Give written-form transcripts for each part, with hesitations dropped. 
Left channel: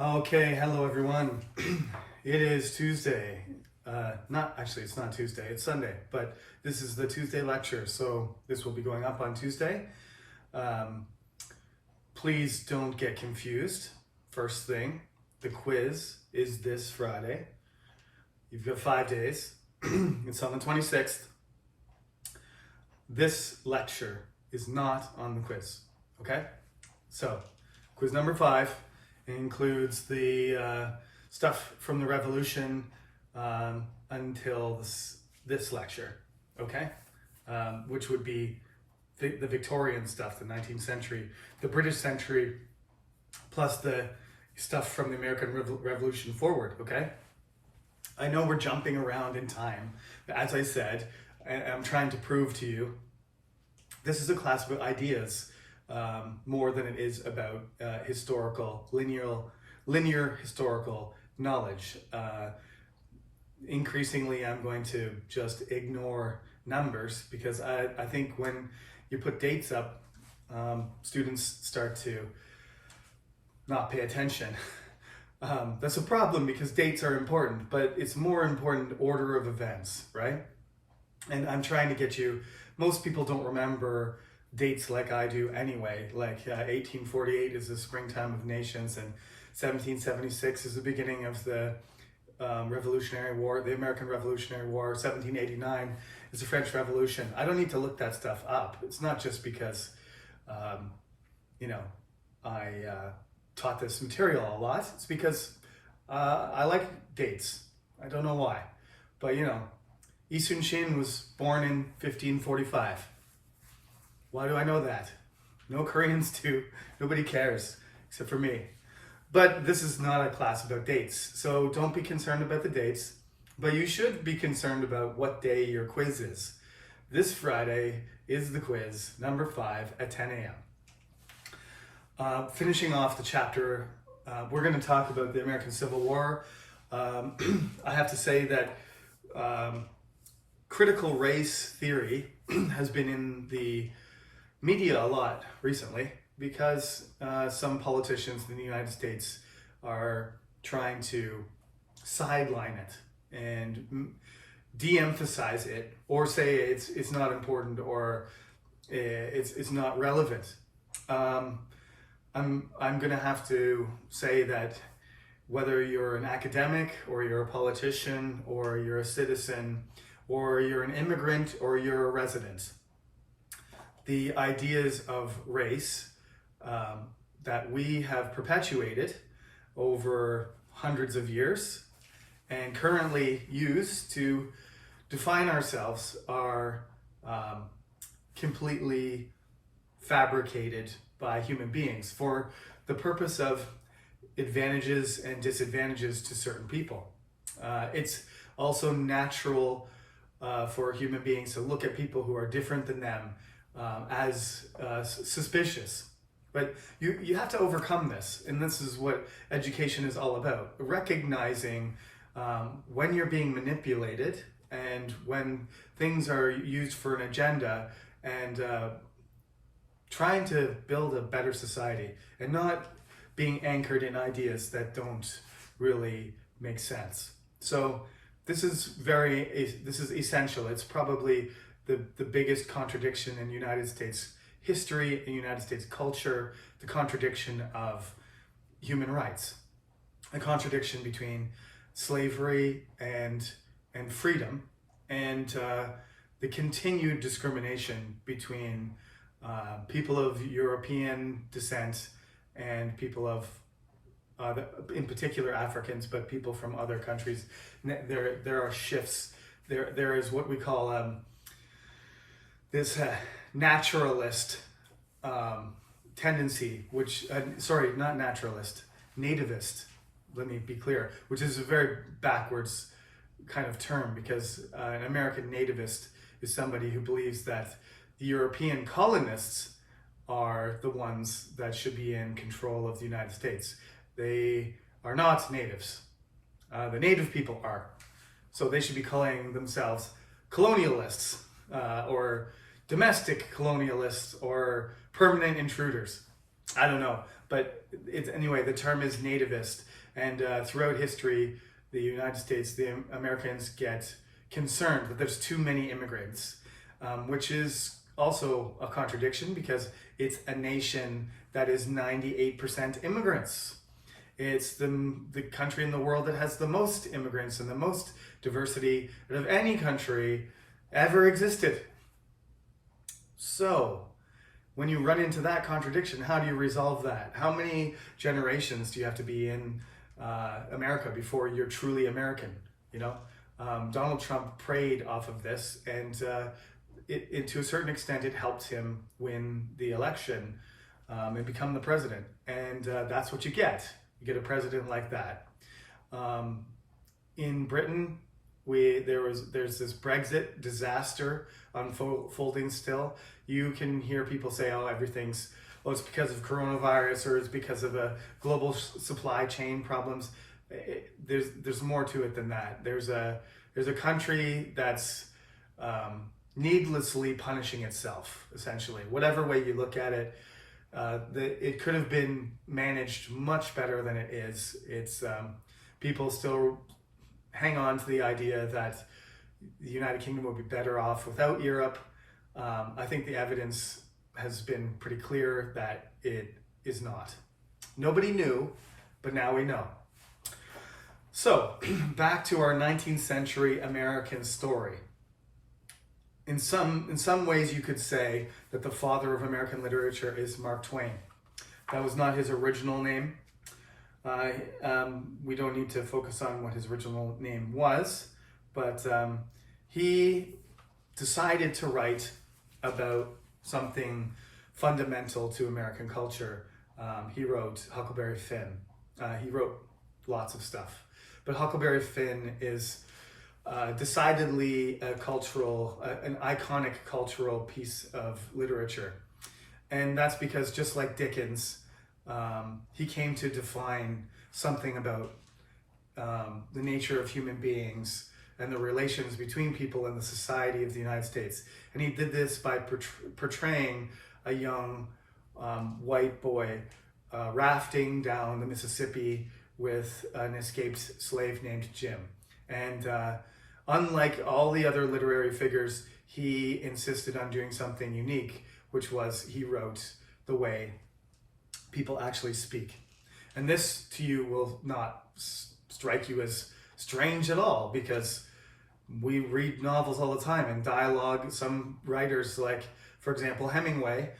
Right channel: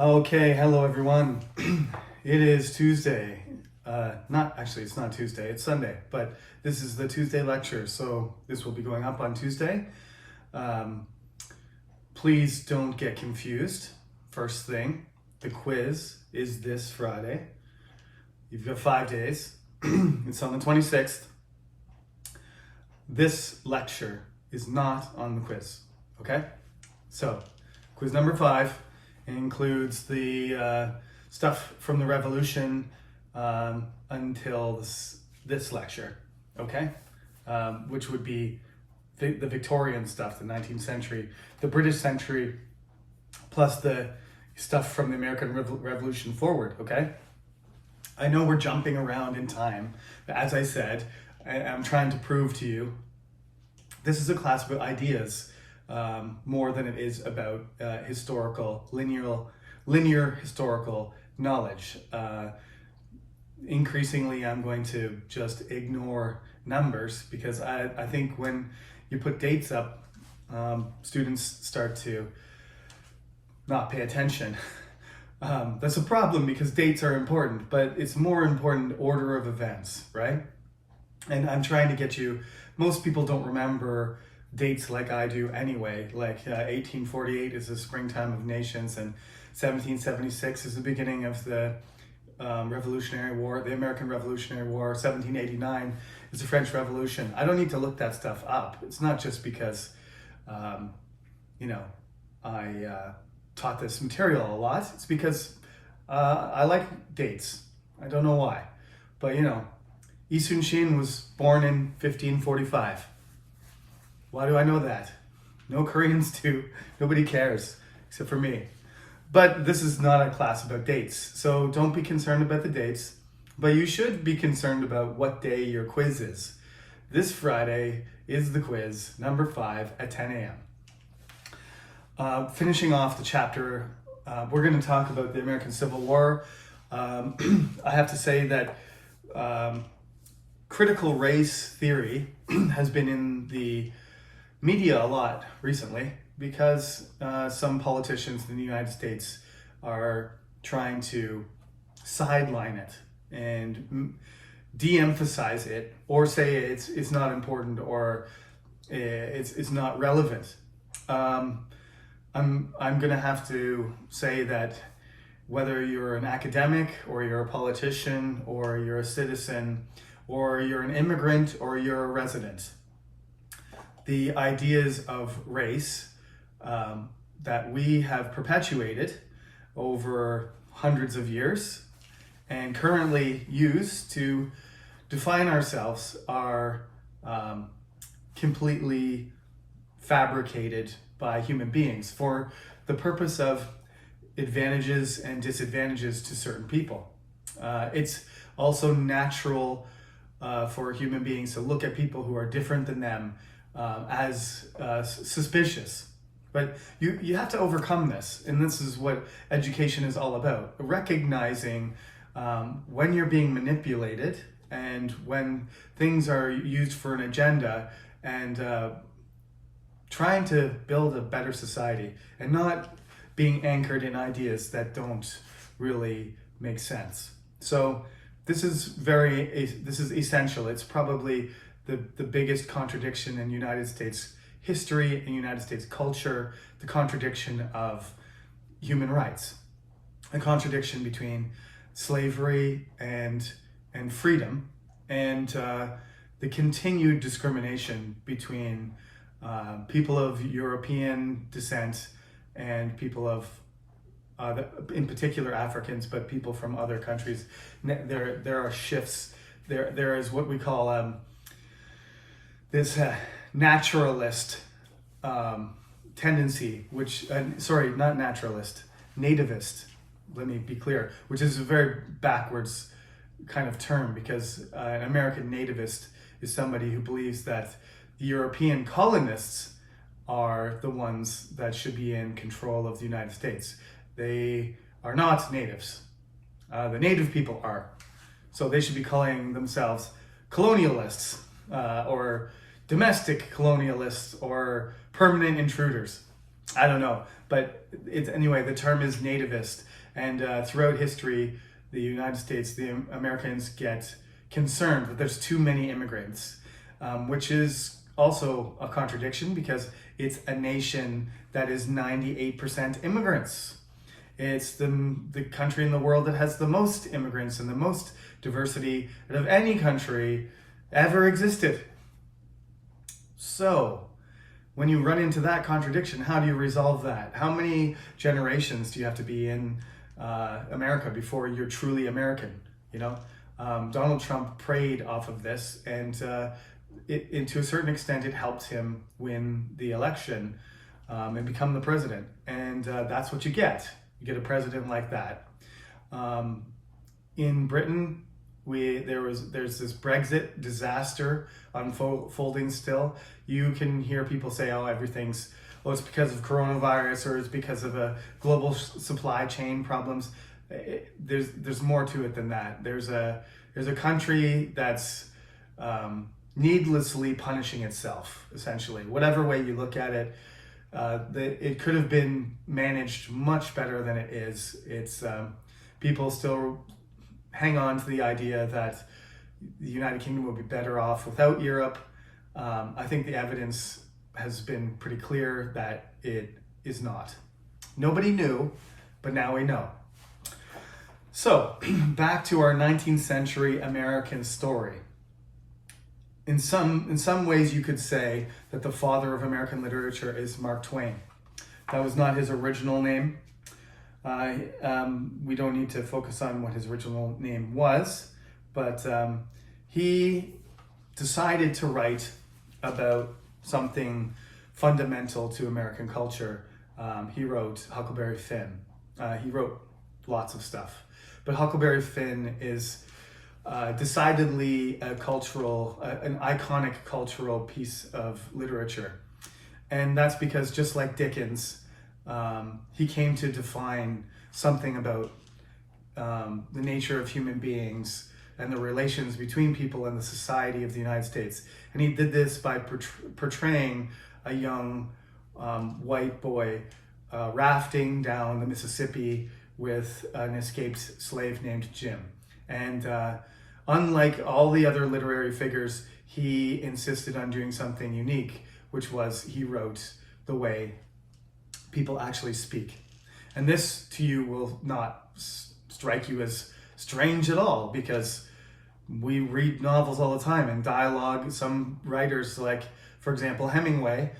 Okay, hello everyone. It is Tuesday. It's not Tuesday, it's Sunday, but this is the Tuesday lecture, so this will be going up on Tuesday. Please don't get confused. First thing, the quiz is this Friday. You've got 5 days. It's on the 26th. This lecture is not on the quiz, okay? So, quiz number 5 includes the stuff from the Revolution until this lecture, okay? Which would be the Victorian stuff, the 19th century, the British century, plus the stuff from the American Revolution forward, okay? I know we're jumping around in time, but as I said, I'm trying to prove to you, this is a class about ideas more than it is about linear historical knowledge. Increasingly, I'm going to just ignore numbers because I think when you put dates up, students start to not pay attention. That's a problem because dates are important, but it's more important order of events, right? And I'm trying to get you, most people don't remember dates like I do anyway, like 1848 is the springtime of nations, and 1776 is the beginning of the Revolutionary War, the American Revolutionary War. 1789 is the French Revolution. I don't need to look that stuff up. It's not just because, I taught this material a lot. It's because I like dates. I don't know why. But, Yi Sun-shin was born in 1545. Why do I know that? No Koreans do. Nobody cares, except for me. But this is not a class about dates, so don't be concerned about the dates, but you should be concerned about what day your quiz is. This Friday is the quiz, number 5 at 10 a.m. Finishing off the chapter, we're going to talk about the American Civil War. I have to say that critical race theory has been in the media a lot recently because some politicians in the United States are trying to sideline it and de-emphasize it, or say it's not important, or it's not relevant. I'm gonna have to say that whether you're an academic or you're a politician or you're a citizen or you're an immigrant or you're a resident, the ideas of race that we have perpetuated over hundreds of years and currently use to define ourselves are completely fabricated by human beings for the purpose of advantages and disadvantages to certain people. It's also natural for human beings to look at people who are different than them as suspicious. But you have to overcome this, and this is what education is all about. Recognizing when you're being manipulated and when things are used for an agenda, and trying to build a better society and not being anchored in ideas that don't really make sense. So this is essential. It's probably the biggest contradiction in United States history, in United States culture, the contradiction of human rights, the contradiction between slavery and freedom, and the continued discrimination between people of European descent and people of, in particular Africans, but people from other countries. There are shifts. There is what we call this naturalist tendency, which, not naturalist, nativist, let me be clear, which is a very backwards kind of term, because an American nativist is somebody who believes that the European colonists are the ones that should be in control of the United States. They are not natives. The native people are. So they should be calling themselves colonialists, or domestic colonialists, or permanent intruders. I don't know. But anyway, the term is nativist. And throughout history, the United States, the Americans get concerned that there's too many immigrants, which is also a contradiction because it's a nation that is 98% immigrants. It's the country in the world that has the most immigrants and the most diversity out of any country ever existed. So, when you run into that contradiction, how do you resolve that? How many generations do you have to be in America before you're truly American? Donald Trump preyed off of this, and to a certain extent, it helped him win the election and become the president. And that's what you get. You get a president like that. In Britain, there's this Brexit disaster unfolding still. You can hear people say, it's because of coronavirus, or it's because of a global supply chain problems. There's more to it than that. There's a country that's needlessly punishing itself, essentially. Whatever way you look at it, it could have been managed much better than it is. It's people still hang on to the idea that the United Kingdom would be better off without Europe. I think the evidence has been pretty clear that it is not. Nobody knew, but now we know. So, back to our 19th century American story. In some ways, you could say that the father of American literature is Mark Twain. That was not his original name. We don't need to focus on what his original name was, but he decided to write about something fundamental to American culture. He wrote Huckleberry Finn. He wrote lots of stuff, but Huckleberry Finn is decidedly an iconic cultural piece of literature. And that's because, just like Dickens, he came to define something about the nature of human beings and the relations between people and the society of the United States. And he did this by portraying a young white boy rafting down the Mississippi with an escaped slave named Jim. And unlike all the other literary figures, he insisted on doing something unique, which was he wrote the way people actually speak. And this to you will not strike you as strange at all, because we read novels all the time and dialogue. Some writers, like, for example, Hemingway,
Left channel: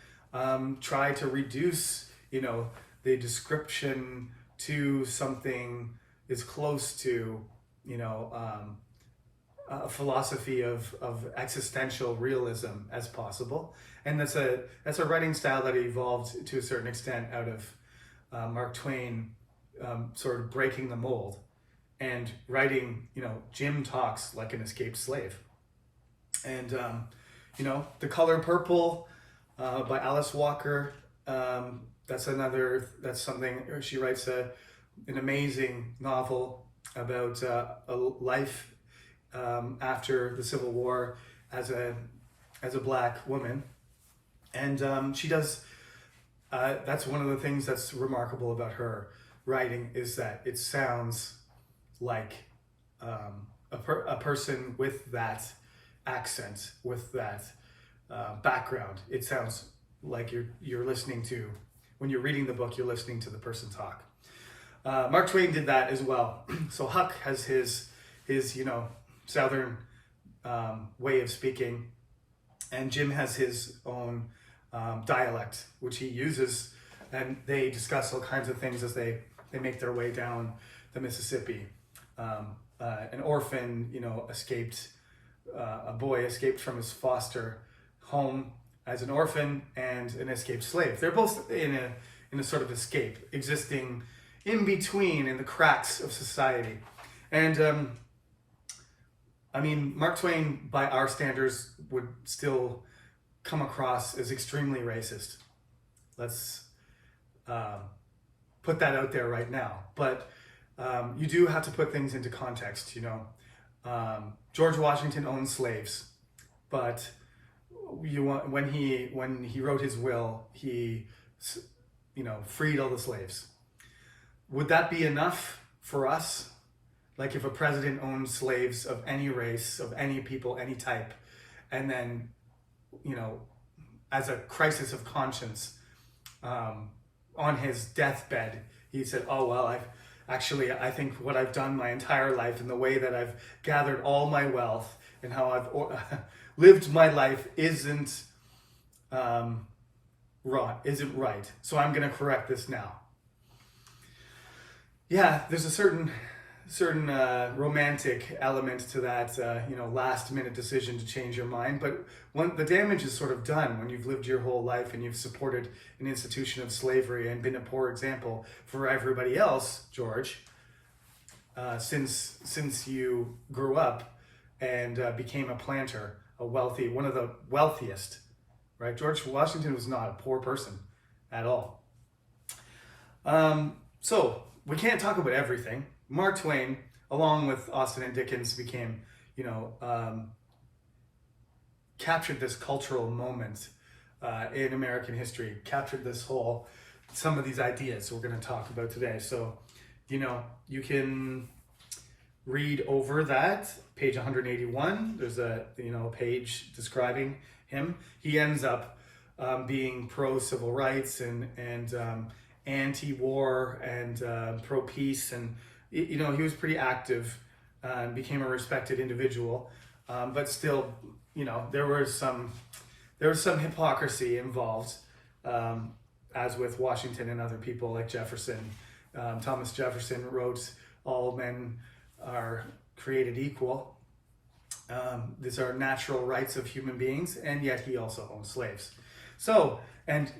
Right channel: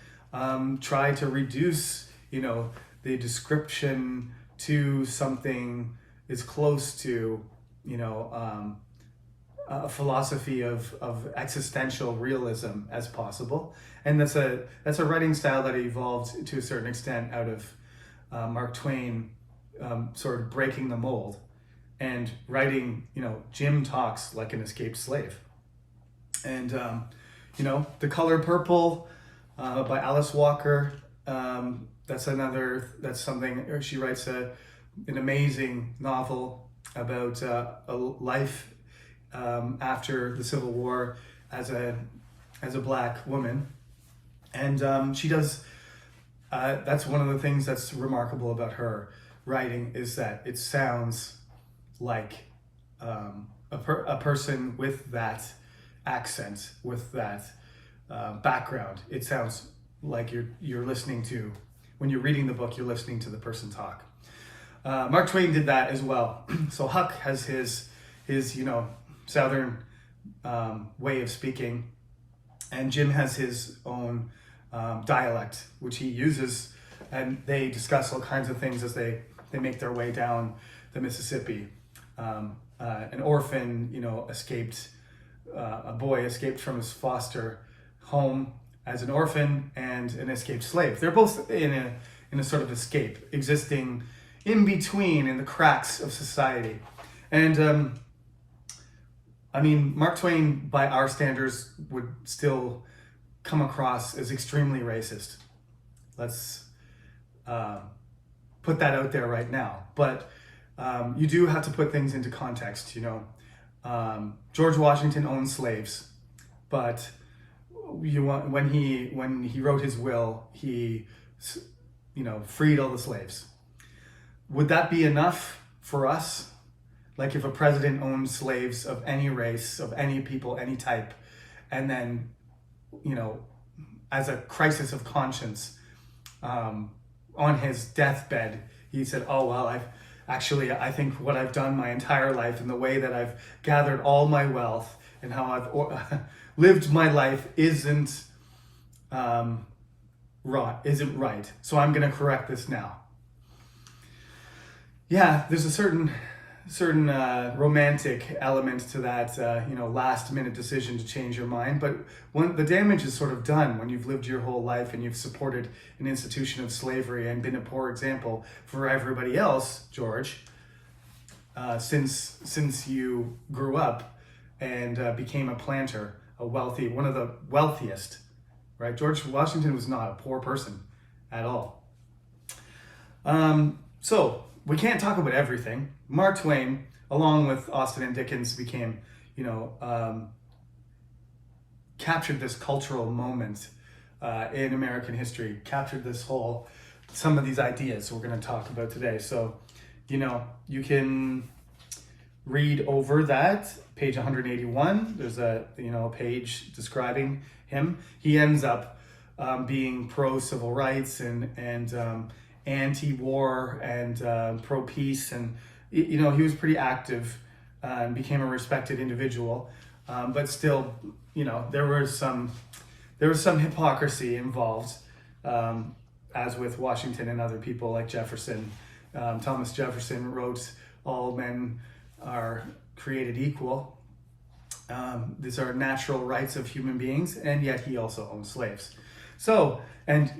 try to reduce, the description to something as close to, a philosophy of existential realism as possible. And that's a writing style that evolved to a certain extent out of Mark Twain sort of breaking the mold and writing, Jim talks like an escaped slave. And, The Color Purple by Alice Walker, that's something, she writes an amazing novel about a life after the Civil War as a Black woman. And she does, that's one of the things that's remarkable about her writing, is that it sounds like a person with that accent, with that background. It sounds like you're listening to, when you're reading the book, you're listening to the person talk. Mark Twain did that as well. So Huck has his Southern way of speaking, and Jim has his own dialect, which he uses, and they discuss all kinds of things as they make their way down the Mississippi. An orphan, a boy escaped from his foster home as an orphan, and an escaped slave. They're both in a sort of escape, existing in between, in the cracks of society. And Mark Twain, by our standards, would still come across as extremely racist. Let's put that out there right now. But you do have to put things into context, George Washington owned slaves, but when he wrote his will, he freed all the slaves. Would that be enough for us? Like if a president owned slaves of any race, of any people, any type, and then, as a crisis of conscience, on his deathbed, he said, oh, well, I think what I've done my entire life and the way that I've gathered all my wealth and how I've lived my life isn't right. So I'm going to correct this now. Yeah, there's a certain romantic element to that, last minute decision to change your mind. But when the damage is sort of done, when you've lived your whole life and you've supported an institution of slavery and been a poor example for everybody else, George, since you grew up and became a planter, one of the wealthiest, right? George Washington was not a poor person at all. So we can't talk about everything. Mark Twain, along with Austen and Dickens, became, captured this cultural moment in American history, captured some of these ideas we're going to talk about today. So, you can read over that, page 181. There's a page describing him. He ends up being pro-civil rights and anti-war and pro-peace, and he was pretty active and became a respected individual, but still, there was some hypocrisy involved, as with Washington and other people like Jefferson. Thomas Jefferson wrote, "All men are created equal. These are natural rights of human beings," and yet he also owned slaves. So, and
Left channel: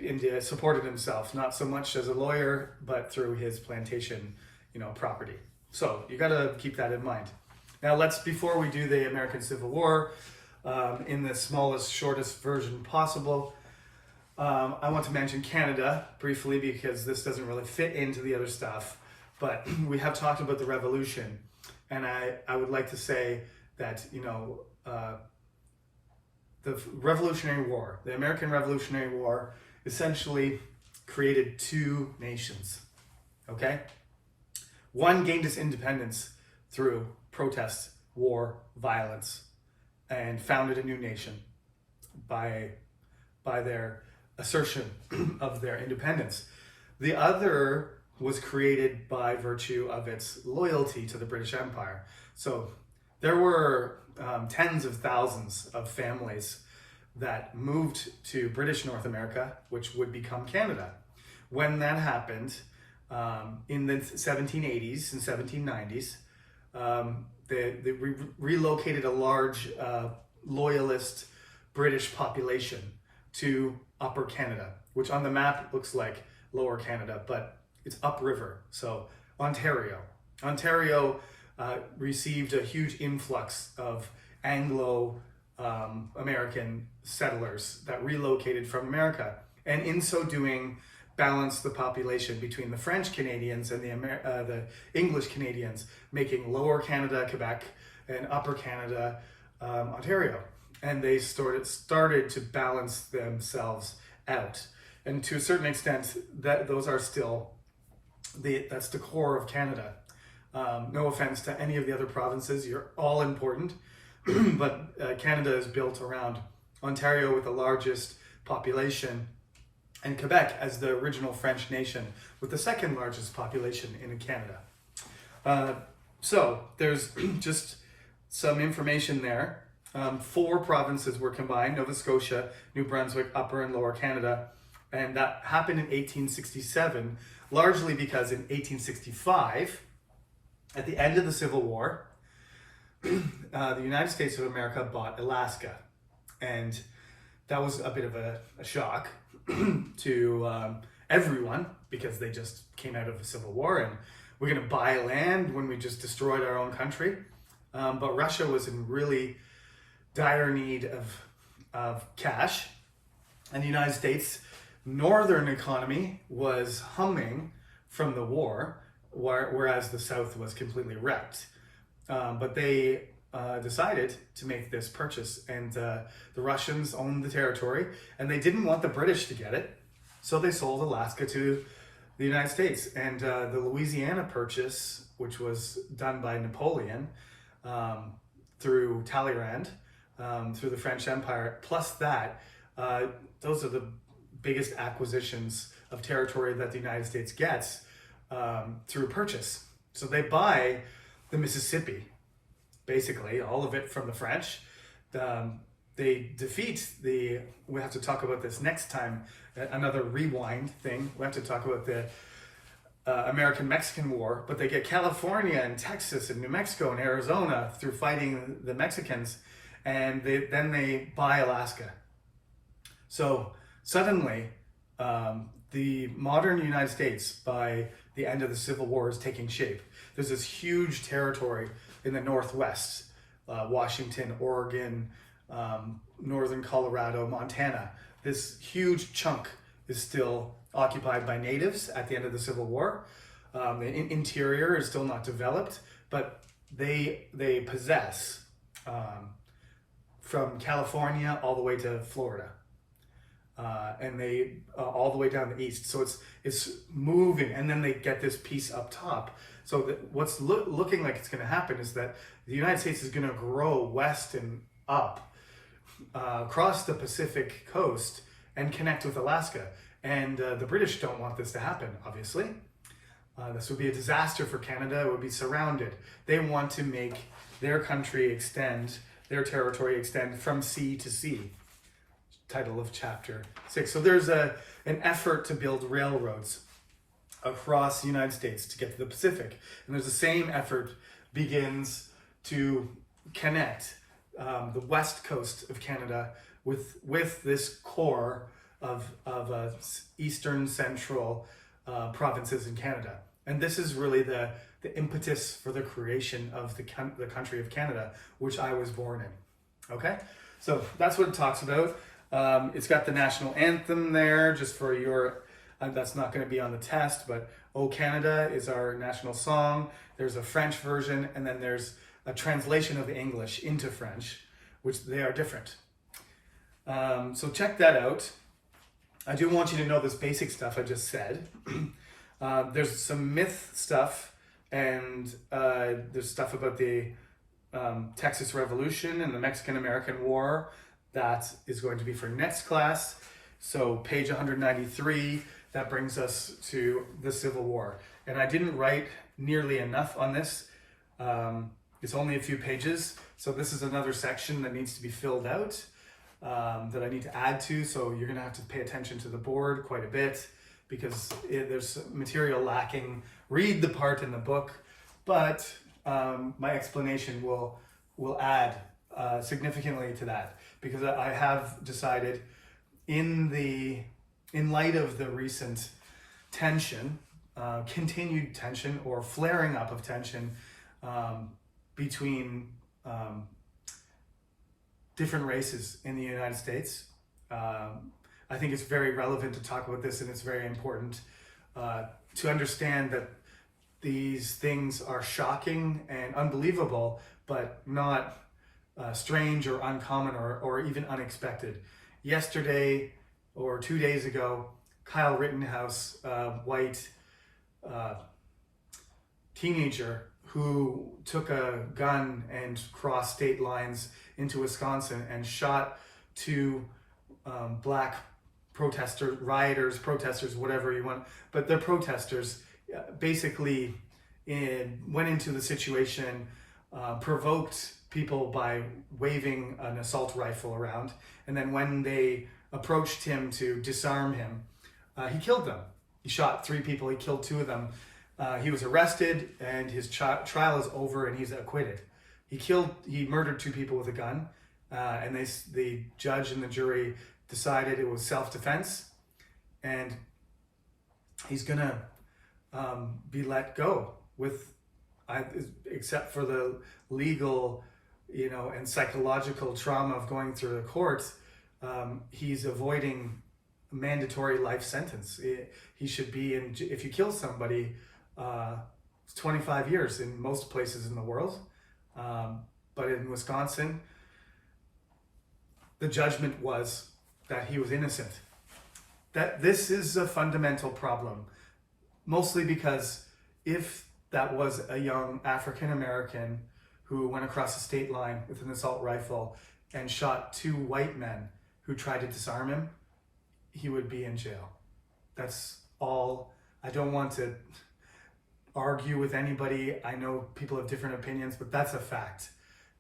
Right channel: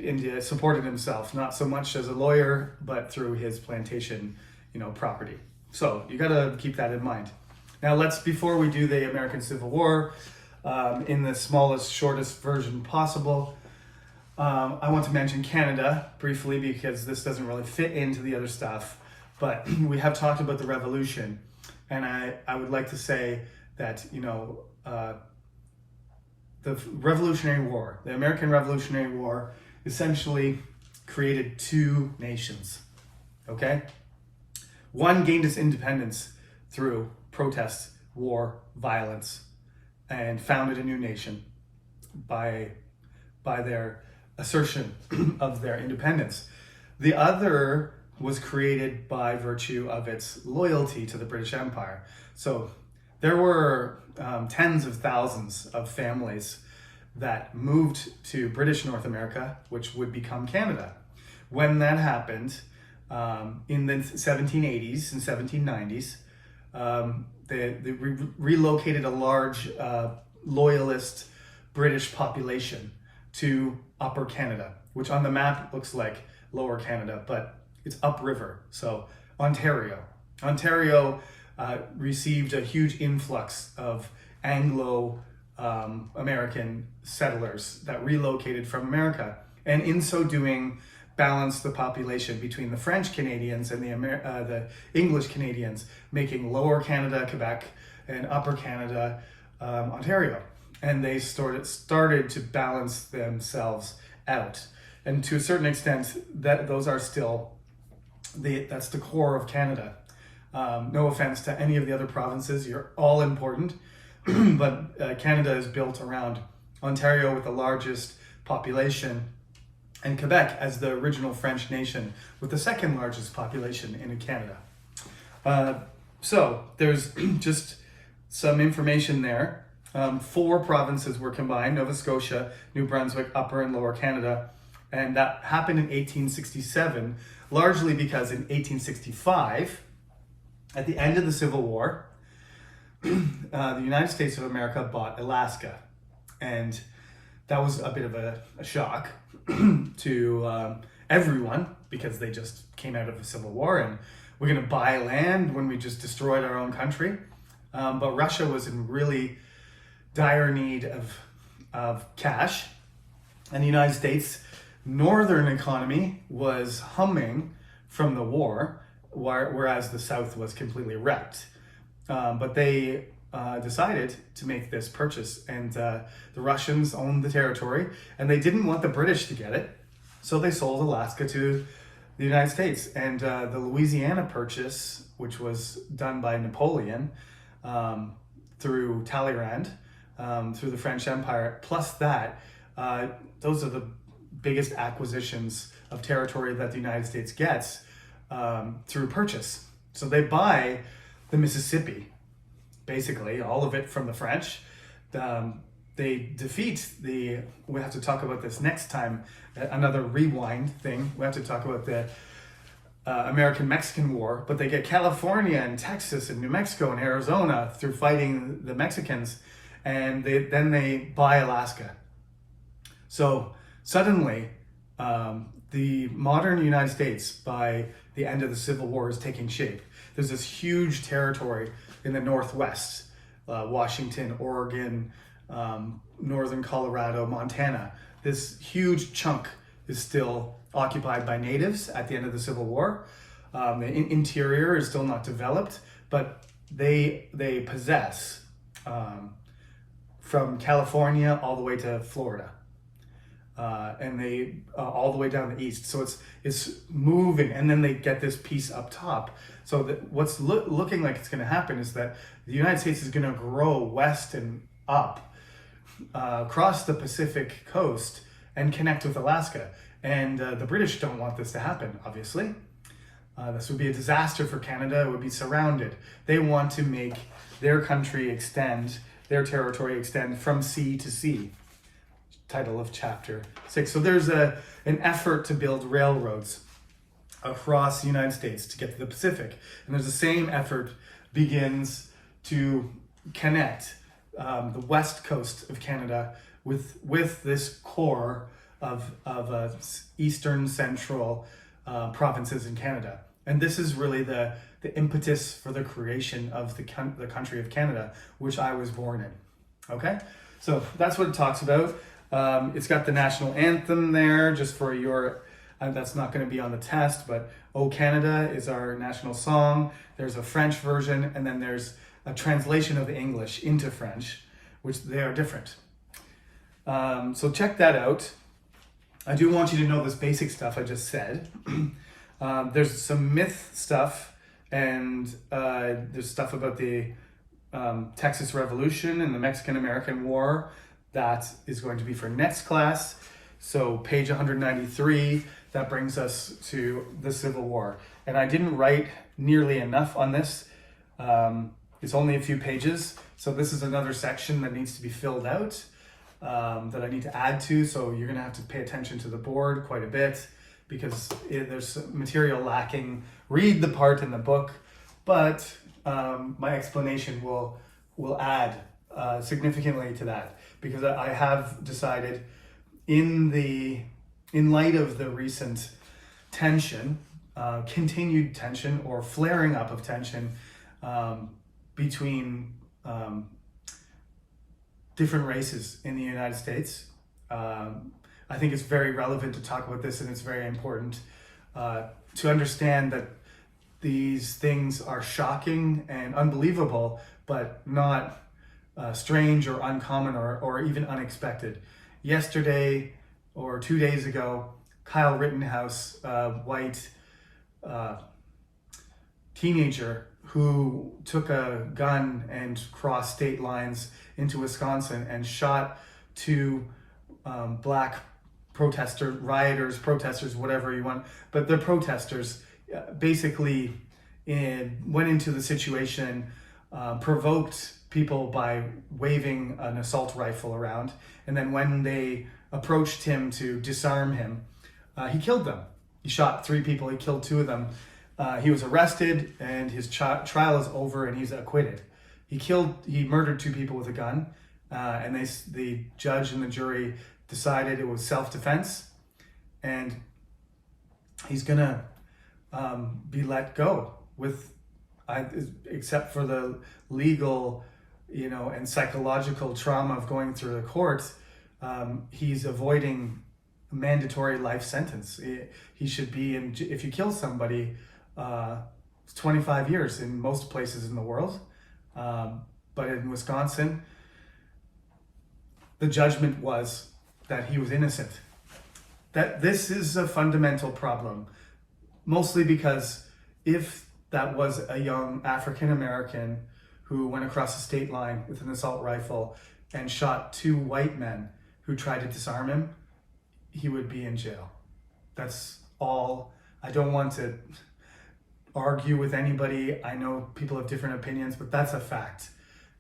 supported himself, not so much as a lawyer, but through his plantation, property. So you got to keep that in mind. Now before we do the American Civil War, in the smallest, shortest version possible, I want to mention Canada briefly because this doesn't really fit into the other stuff, but we have talked about the Revolution, and I would like to say that, the Revolutionary War, the American Revolutionary War, essentially created two nations, okay? One gained its independence through protest, war, violence, and founded a new nation by their assertion of their independence. The other was created by virtue of its loyalty to the British Empire. So there were tens of thousands of families that moved to British North America, which would become Canada. When that happened, in the 1780s and 1790s, they relocated a large loyalist British population to Upper Canada, which on the map looks like Lower Canada, but it's upriver, so Ontario. Ontario received a huge influx of Anglo-American settlers that relocated from America, and in so doing balanced the population between the French Canadians and the English Canadians, making Lower Canada, Quebec, and Upper Canada, Ontario. And they started to balance themselves out. And to a certain extent, those are still that's the core of Canada. No offense to any of the other provinces, you're all important, but Canada is built around Ontario with the largest population, and Quebec as the original French nation with the second largest population in Canada. So there's just some information there. 4 provinces were combined: Nova Scotia, New Brunswick, Upper and Lower Canada, and that happened in 1867, largely because in 1865, at the end of the Civil War, the United States of America bought Alaska, and that was a bit of a shock to everyone, because they just came out of a civil war and we're going to buy land when we just destroyed our own country. But Russia was in really dire need of cash, and the United States northern economy was humming from the war, whereas the South was completely wrecked. But they decided to make this purchase, and the Russians owned the territory, and they didn't want the British to get it. So they sold Alaska to the United States, and the Louisiana Purchase, which was done by Napoleon through Talleyrand, through the French Empire, plus that, those are the biggest acquisitions of territory that the United States gets through purchase. So they buy the Mississippi, basically, all of it from the French. They defeat we have to talk about this next time, another rewind thing. We have to talk about the American-Mexican War, but they get California and Texas and New Mexico and Arizona through fighting the Mexicans, and then they buy Alaska. So suddenly, the modern United States, by the end of the Civil War, is taking shape. There's this huge territory in the Northwest, Washington, Oregon, northern Colorado, Montana. This huge chunk is still occupied by natives at the end of the Civil War. The interior is still not developed, but they possess from California all the way to Florida. And they all the way down the east. So it's moving, and then they get this piece up top. So what's looking like it's going to happen is that the United States is going to grow west and up across the Pacific coast and connect with Alaska. And the British don't want this to happen, obviously. This would be a disaster for Canada. It would be surrounded. They want to make their country extend, their territory extend from sea to sea. Title of chapter 6. So there's an effort to build railroads across the United States to get to the Pacific. And there's the same effort begins to connect the west coast of Canada with this core of eastern central provinces in Canada. And this is really the impetus for the creation of the country of Canada, which I was born in. Okay? So that's what it talks about. It's got the national anthem there, just for your, that's not going to be on the test, but O Canada is our national song. There's a French version, and then there's a translation of English into French, which they are different. So check that out. I do want you to know this basic stuff I just said. There's some myth stuff, and there's stuff about the Texas Revolution and the Mexican-American War. That is going to be for next class. So page 193, that brings us to the Civil War. And I didn't write nearly enough on this. It's only a few pages. So this is another section that needs to be filled out, that I need to add to. So you're gonna have to pay attention to the board quite a bit, because there's material lacking. Read the part in the book, but my explanation will add significantly to that. Because I have decided, in light of the recent tension, continued tension or flaring up of tension between different races in the United States, I think it's very relevant to talk about this, and it's very important to understand that these things are shocking and unbelievable, but not strange or uncommon or even unexpected. Yesterday or 2 days ago, Kyle Rittenhouse, a white teenager who took a gun and crossed state lines into Wisconsin and shot two black protesters, whatever you want, but the protesters basically went into the situation, provoked people by waving an assault rifle around, and then when they approached him to disarm him, he killed them. He shot 3 people, he killed 2 of them. He was arrested, and his trial is over, and he's acquitted. He murdered 2 people with a gun, and the judge and the jury decided it was self-defense, and he's gonna be let go except for the legal, and psychological trauma of going through the courts. He's avoiding a mandatory life sentence. He should be in, if you kill somebody, it's 25 years in most places in the world. But in Wisconsin, the judgment was that he was innocent. that this is a fundamental problem, mostly because if that was a young African American who went across the state line with an assault rifle and shot two white men who tried to disarm him, he would be in jail. That's all. I don't want to argue with anybody. I know people have different opinions, but that's a fact.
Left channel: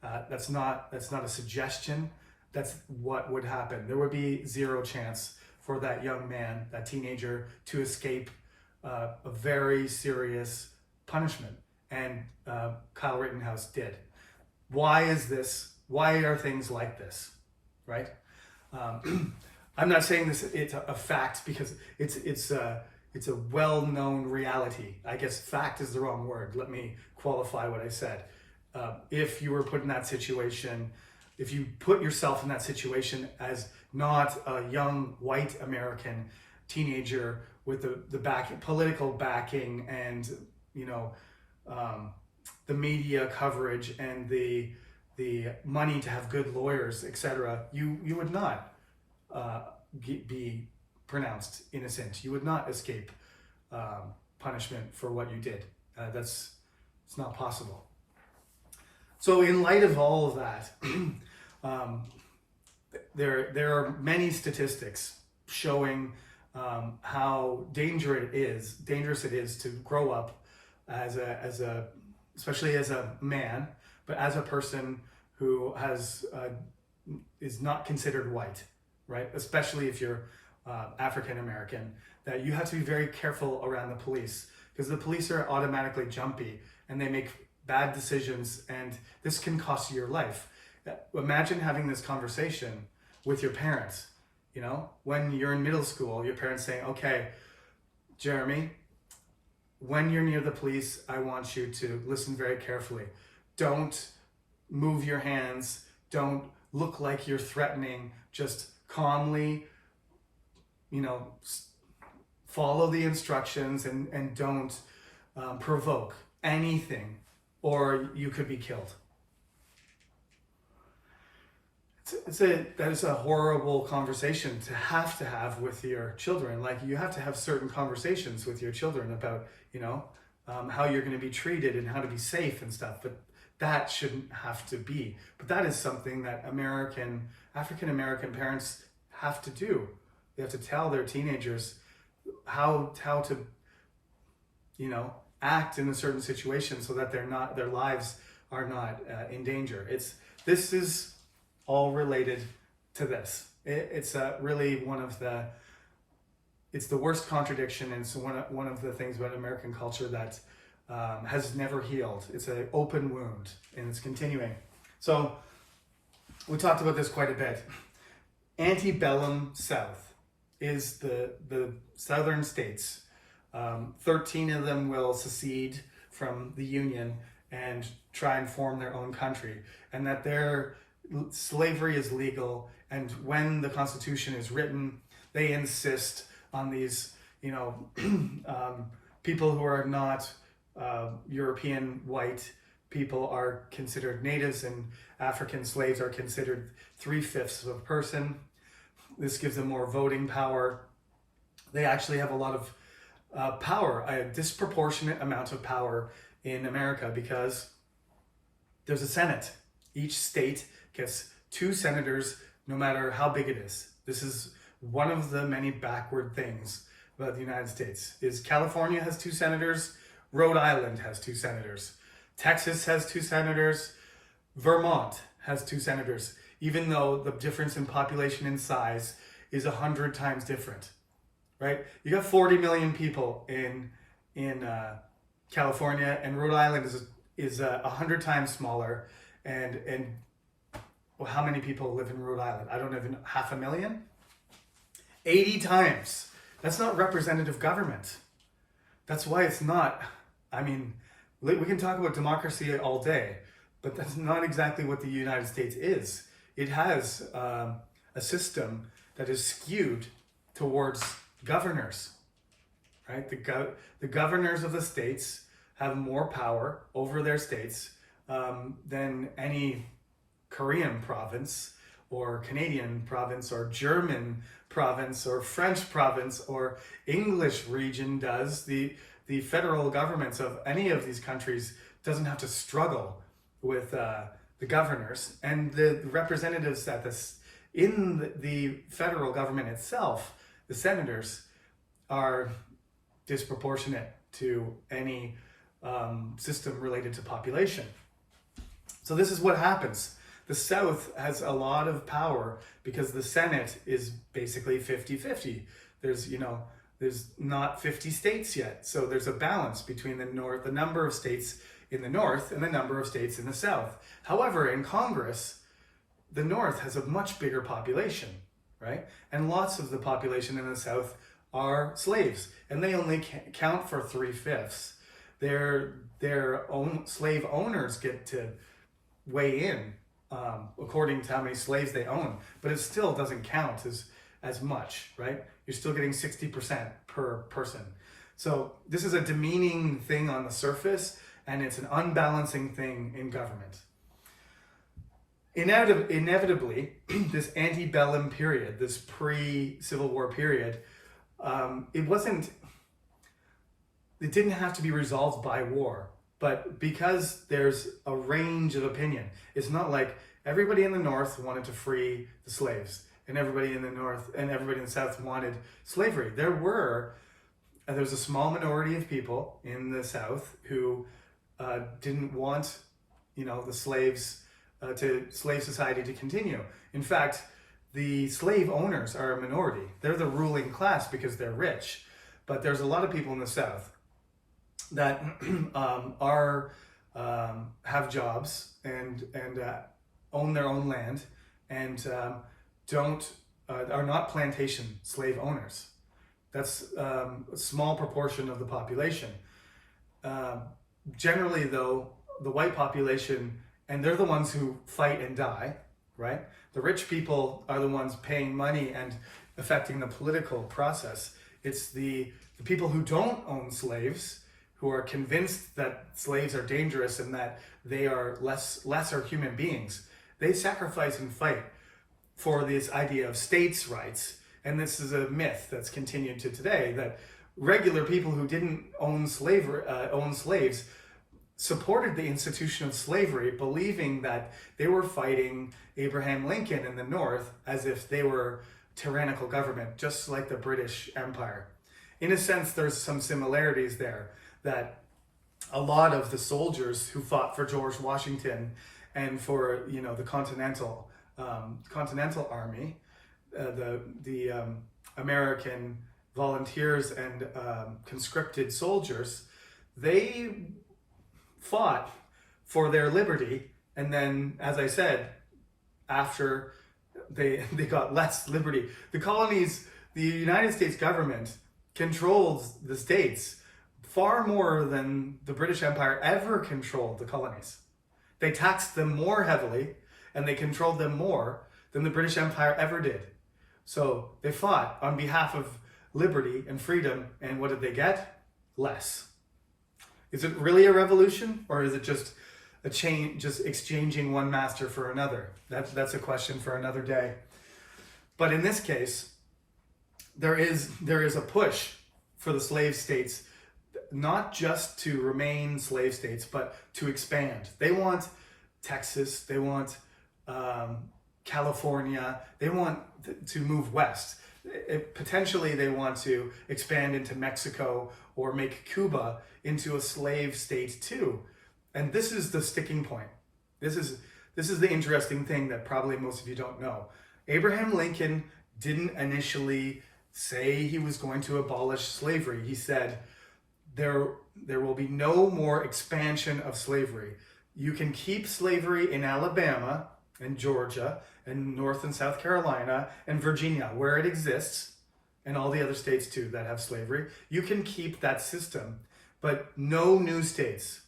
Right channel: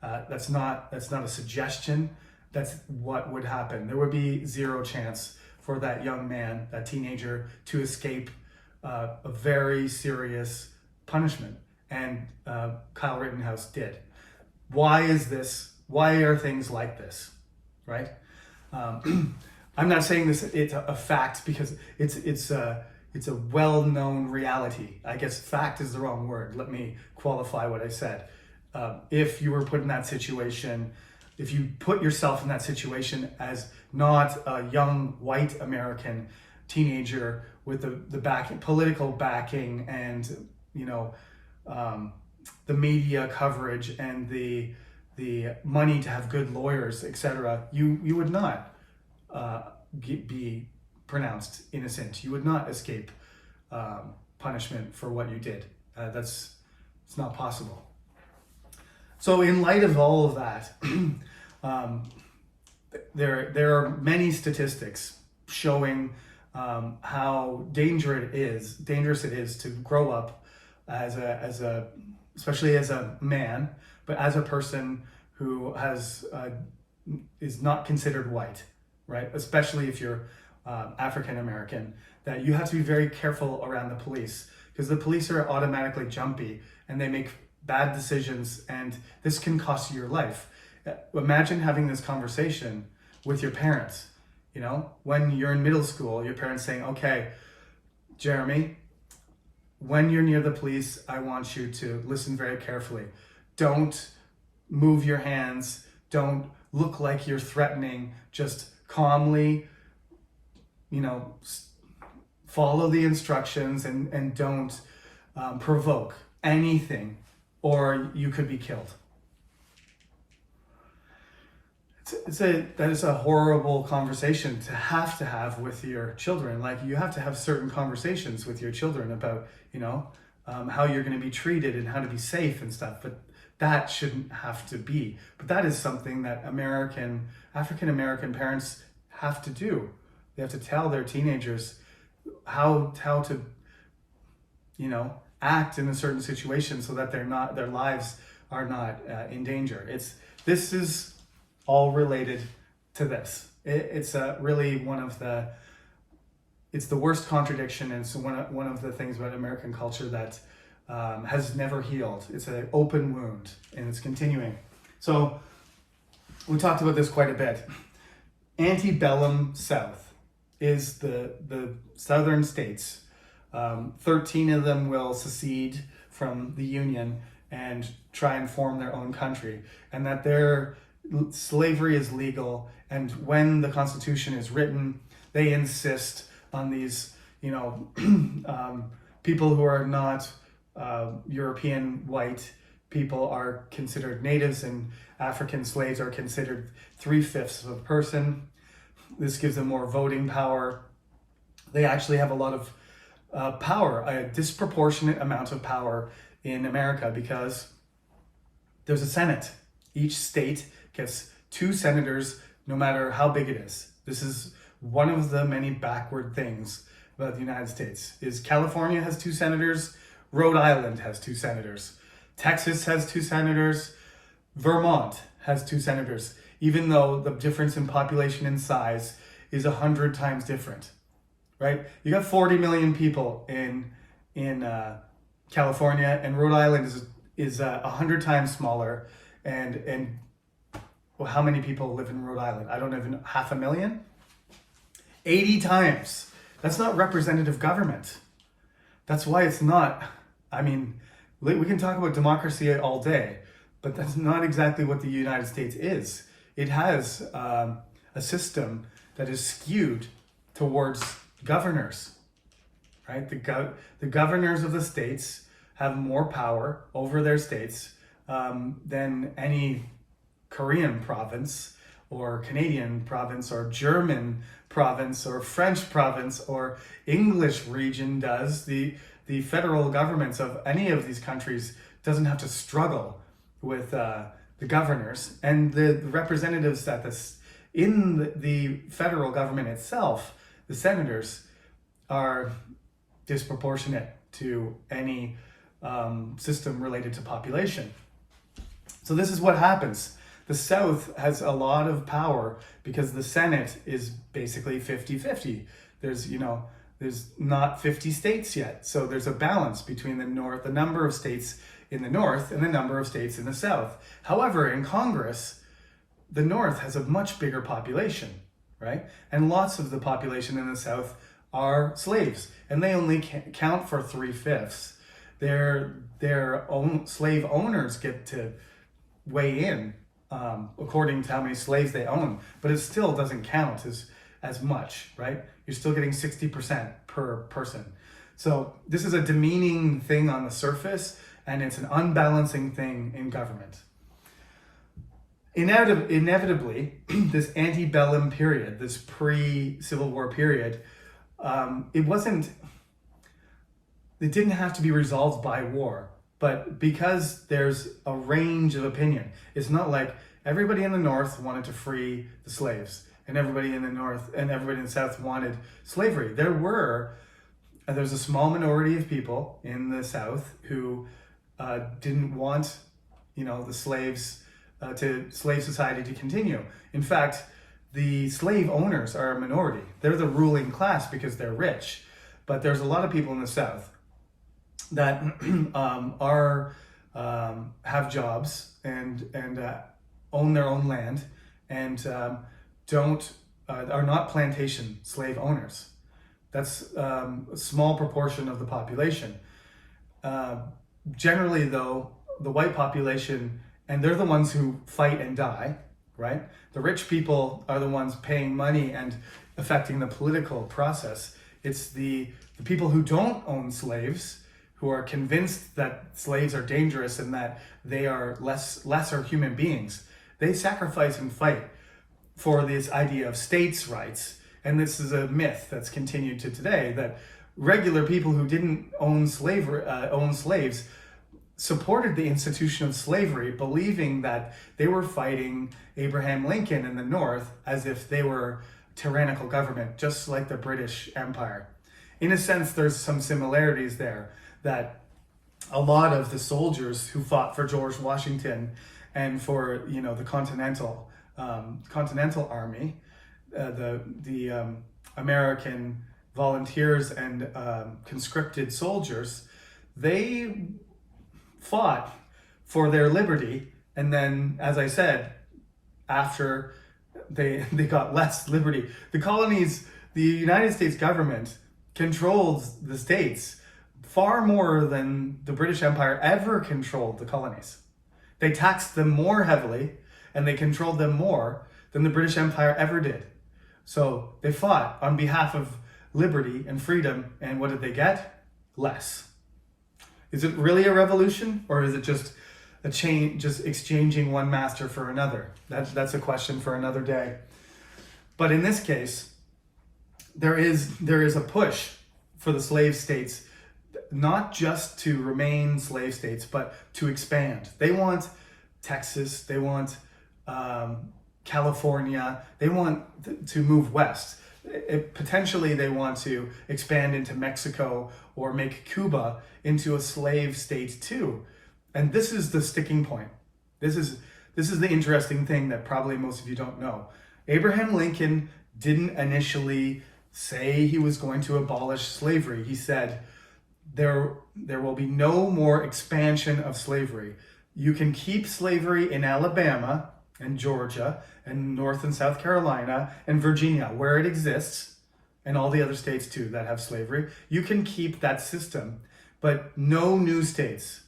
That's not a suggestion. That's what would happen. There would be zero chance for that young man, that teenager, to escape a very serious punishment. And Kyle Rittenhouse did. Why is this? Why are things like this? Right? I'm not saying this. It's a fact because it's a well-known reality. I guess fact is the wrong word. Let me qualify what I said. If you were put in that situation, if you put yourself in that situation as not a young white American teenager with the political backing and the media coverage and the money to have good lawyers, etc., you would not be pronounced innocent. You would not escape punishment for what you did. It's not possible. So in light of all of that, there are many statistics showing how dangerous it is to grow up especially as a man, but as a person who is not considered white, right? Especially if you're African American, that you have to be very careful around the police because the police are automatically jumpy and they make bad decisions, and this can cost you your life. Imagine having this conversation with your parents. When you're in middle school, your parents saying, "Okay, Jeremy, when you're near the police, I want you to listen very carefully. Don't move your hands. Don't look like you're threatening. Just calmly, follow the instructions and don't provoke anything, or you could be killed." That is a horrible conversation to have with your children. Like, you have to have certain conversations with your children about, how you're going to be treated and how to be safe and stuff. But that shouldn't have to be. But that is something that African American parents have to do. They have to tell their teenagers how to, act in a certain situation so that their lives are not in danger. This is all related to this. It's really it's the worst contradiction, and it's one of the things about American culture that has never healed. It's an open wound, and it's continuing. So we talked about this quite a bit. Antebellum South is the southern states. 13 of them will secede from the Union and try and form their own country, and that their slavery is legal. And when the Constitution is written, they insist on these, people who are not European white people are considered natives, and African slaves are considered 3/5 of a person. This gives them more voting power. They actually have a lot of power, a disproportionate amount of power in America, because there's a Senate. Each state gets 2 senators, no matter how big it is. This is one of the many backward things about the United States. Is California has 2 senators, Rhode Island has 2 senators, Texas has 2 senators, Vermont has 2 senators, even though the difference in population and size is 100 times different, right? You got 40 million people in California, and Rhode Island is 100 times smaller, and well, how many people live in Rhode Island? I don't even 500,000? 80 times. That's not representative government. That's why it's not. We can talk about democracy all day, but that's not exactly what the United States is. It has a system that is skewed towards governors, right? The governors of the states have more power over their states than any Korean province or Canadian province or German province or French province or English region does. The federal governments of any of these countries doesn't have to struggle with the governors, and the representatives that in the federal government itself, the senators, are disproportionate to any system related to population. So this is what happens. The South has a lot of power because the Senate is basically 50-50. There's not 50 states yet. So there's a balance between the number of states in the North and the number of states in the South. However, in Congress, the North has a much bigger population, right? And lots of the population in the South are slaves, and they only count for 3/5. Their own slave owners get to weigh in according to how many slaves they own, but it still doesn't count as much, right? You're still getting 60% per person. So this is a demeaning thing on the surface, and it's an unbalancing thing in government. Inevitably, this antebellum period, this pre-Civil War period, it didn't have to be resolved by war, but because there's a range of opinion. It's not like everybody in the North wanted to free the slaves and everybody in the North and everybody in the South wanted slavery. There's a small minority of people in the South who didn't want, the slave society to continue. In fact, the slave owners are a minority. They're the ruling class because they're rich. But there's a lot of people in the South that have jobs and own their own land and are not plantation slave owners. That's a small proportion of the population. Generally, though, the white population, and they're the ones who fight and die, right? The rich people are the ones paying money and affecting the political process. It's the people who don't own slaves, who are convinced that slaves are dangerous and that they are lesser human beings. They sacrifice and fight for this idea of states' rights. And this is a myth that's continued to today, that regular people who didn't own slaves supported the institution of slavery, believing that they were fighting Abraham Lincoln in the North as if they were tyrannical government, just like the British Empire. In a sense, there's some similarities there, that a lot of the soldiers who fought for George Washington and for the Continental Army, the American volunteers and conscripted soldiers, they fought for their liberty, and then, as I said, after they got less liberty, the colonies, the United States government controlled the states far more than the British Empire ever controlled the colonies. They taxed them more heavily and they controlled them more than the British Empire ever did. So they fought on behalf of liberty and freedom, and what did they get? Less. Is it really a revolution, or is it just a change, just exchanging one master for another? That's a question for another day. But in this case, there is a push for the slave states, not just to remain slave states, but to expand. They want Texas, they want California, they want to move west. Potentially they want to expand into Mexico or make Cuba into a slave state too. And this is the sticking point. This is the interesting thing that probably most of you don't know. Abraham Lincoln didn't initially say he was going to abolish slavery. He said, there will be no more expansion of slavery. You can keep slavery in Alabama and Georgia and North and South Carolina and Virginia, where it exists, and all the other states too that have slavery. You can keep that system, but no new states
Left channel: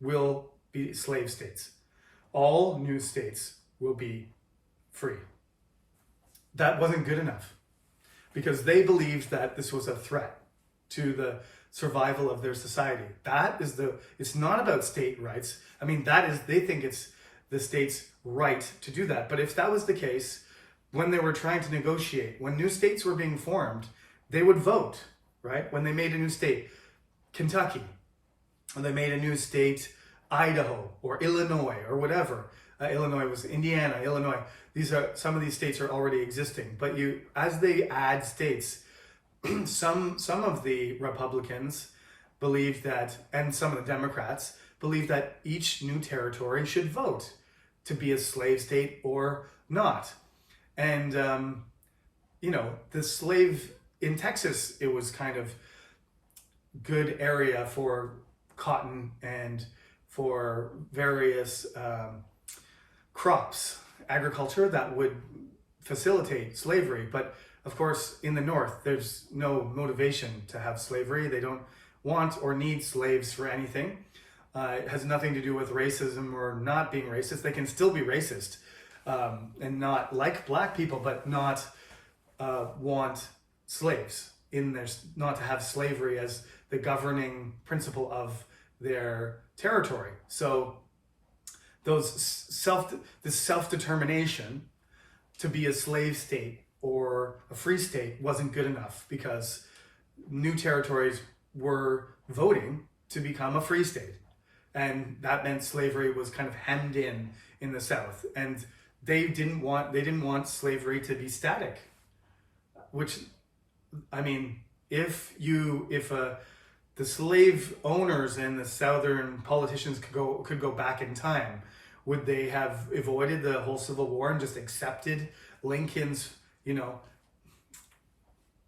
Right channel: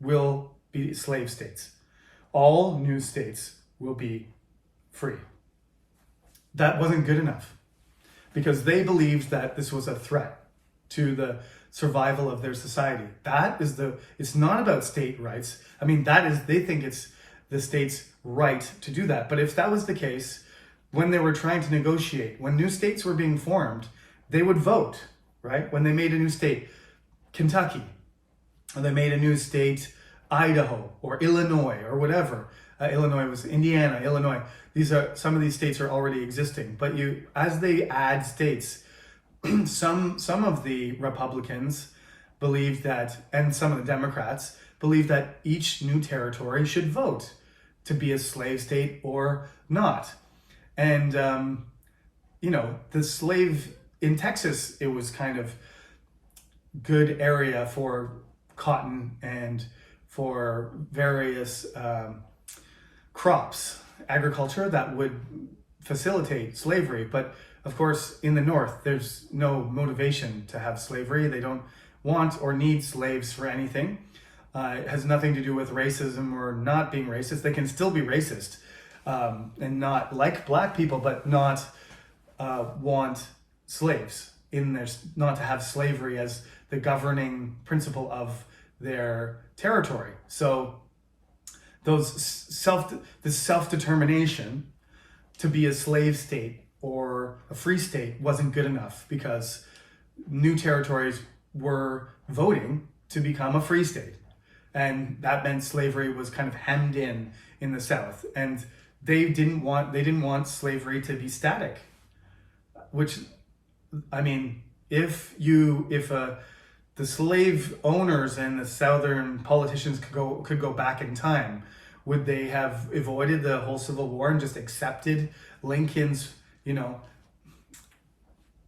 will be slave states. All new states will be free. That wasn't good enough, because they believed that this was a threat to the survival of their society. It's not about state rights. I mean, they think it's the state's right to do that. But if that was the case, when they were trying to negotiate, when new states were being formed, they would vote, right? When they made a new state, Kentucky, or they made a new state, Idaho, or Illinois, or whatever. Illinois was Indiana, Illinois. Some of these states are already existing, but as they add states, some of the Republicans believe that, and some of the Democrats believe that each new territory should vote to be a slave state or not. And the slave in Texas, it was kind of good area for cotton and for various crops, agriculture that would facilitate slavery. But of course, in the North, there's no motivation to have slavery. They don't want or need slaves for anything. It has nothing to do with racism or not being racist. They can still be racist and not like black people, but not want slaves not to have slavery as the governing principle of their territory. So this self-determination to be a slave state or a free state wasn't good enough, because new territories were voting to become a free state. And that meant slavery was kind of hemmed in the South. And they didn't want slavery to be static. Which, I mean, if the slave owners and the Southern politicians could go back in time, would they have avoided the whole Civil War and just accepted Lincoln's,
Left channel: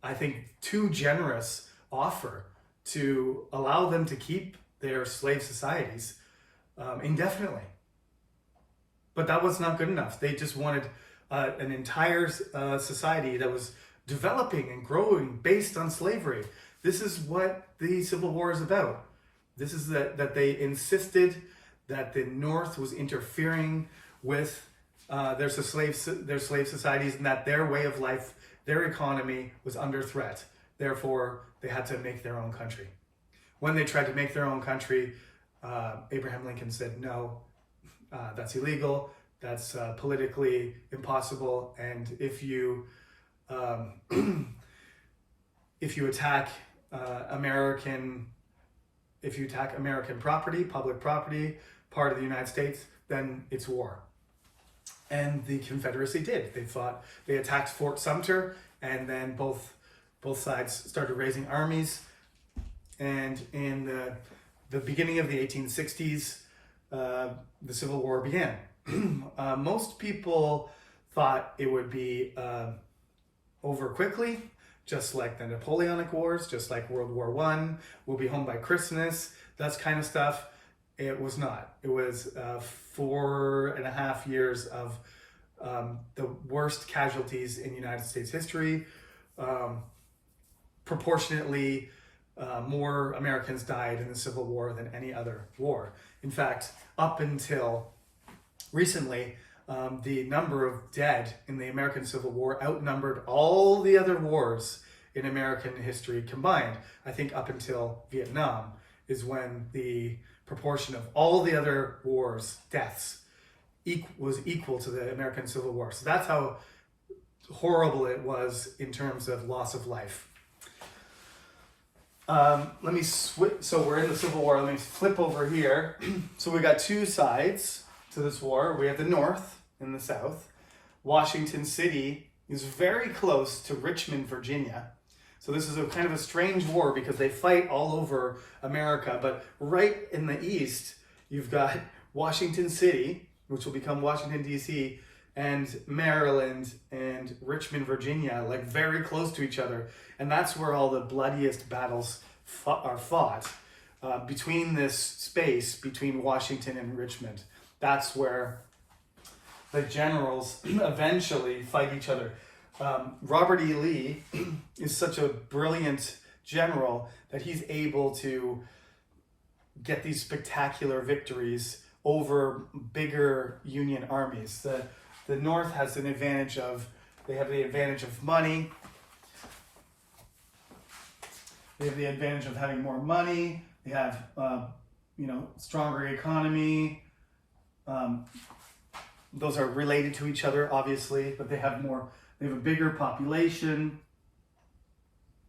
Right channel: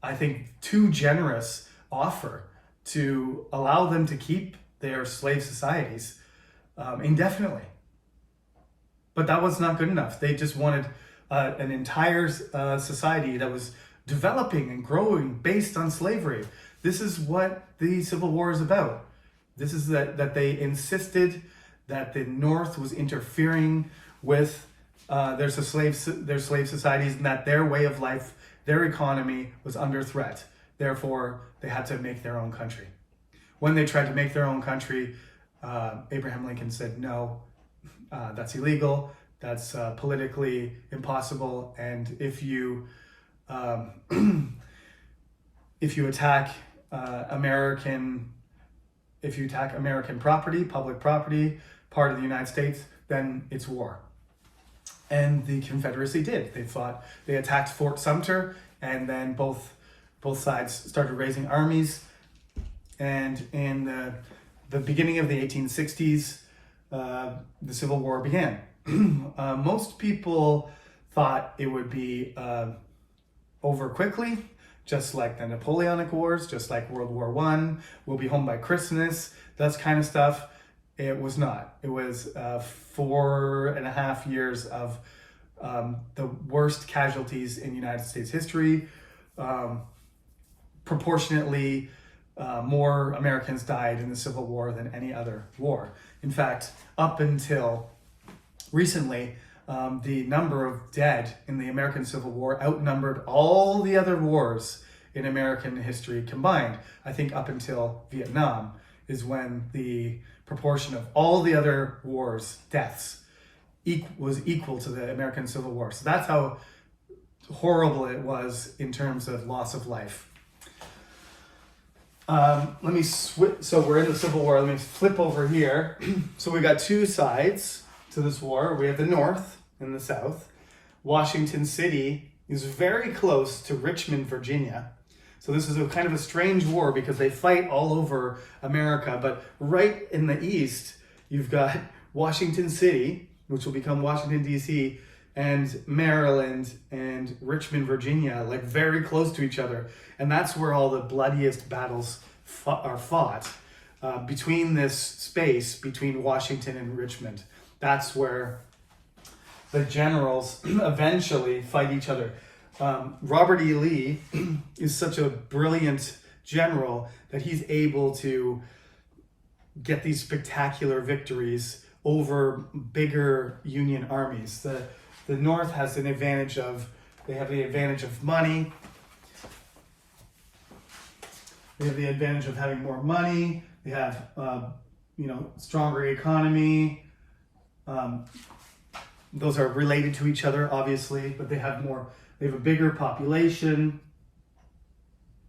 I think, too generous offer to allow them to keep their slave societies indefinitely? But that was not good enough. They just wanted an entire society that was developing and growing based on slavery. This is what the Civil War is about. This is that they insisted that the North was interfering with their slave societies, and that their way of life, their economy was under threat. Therefore, they had to make their own country. When they tried to make their own country, Abraham Lincoln said, no, that's illegal. That's politically impossible. And if you attack American property, public property, part of the United States, then it's war. And the Confederacy did. They attacked Fort Sumter, and then both sides started raising armies. And in the beginning of the 1860s, the Civil War began. Most people thought it would be over quickly, just like the Napoleonic Wars, just like World War I. We'll be home by Christmas, that kind of stuff. It was not. It was 4.5 years of the worst casualties in United States history. Proportionately, more Americans died in the Civil War than any other war. In fact, up until recently, the number of dead in the American Civil War outnumbered all the other wars in American history combined. I think up until Vietnam is when the proportion of all the other wars' deaths was equal to the American Civil War. So that's how horrible it was in terms of loss of life. Let me switch. So we're in the Civil War. Let me flip over here. So we got two sides to this war. We have the North and the South. Washington City is very close to Richmond, Virginia. So this is a kind of a strange war because they fight all over America. But right in the east, you've got Washington City, which will become Washington, D.C., and Maryland and Richmond, Virginia, like very close to each other. And that's where all the bloodiest battles are fought, between this space between Washington and Richmond. That's where the generals eventually fight each other. Robert E. Lee is such a brilliant general that he's able to get these spectacular victories over bigger Union armies. The North has an advantage they have the advantage of money. They have the advantage of having more money. They have, stronger economy. Those are related to each other, obviously, but they have a bigger population,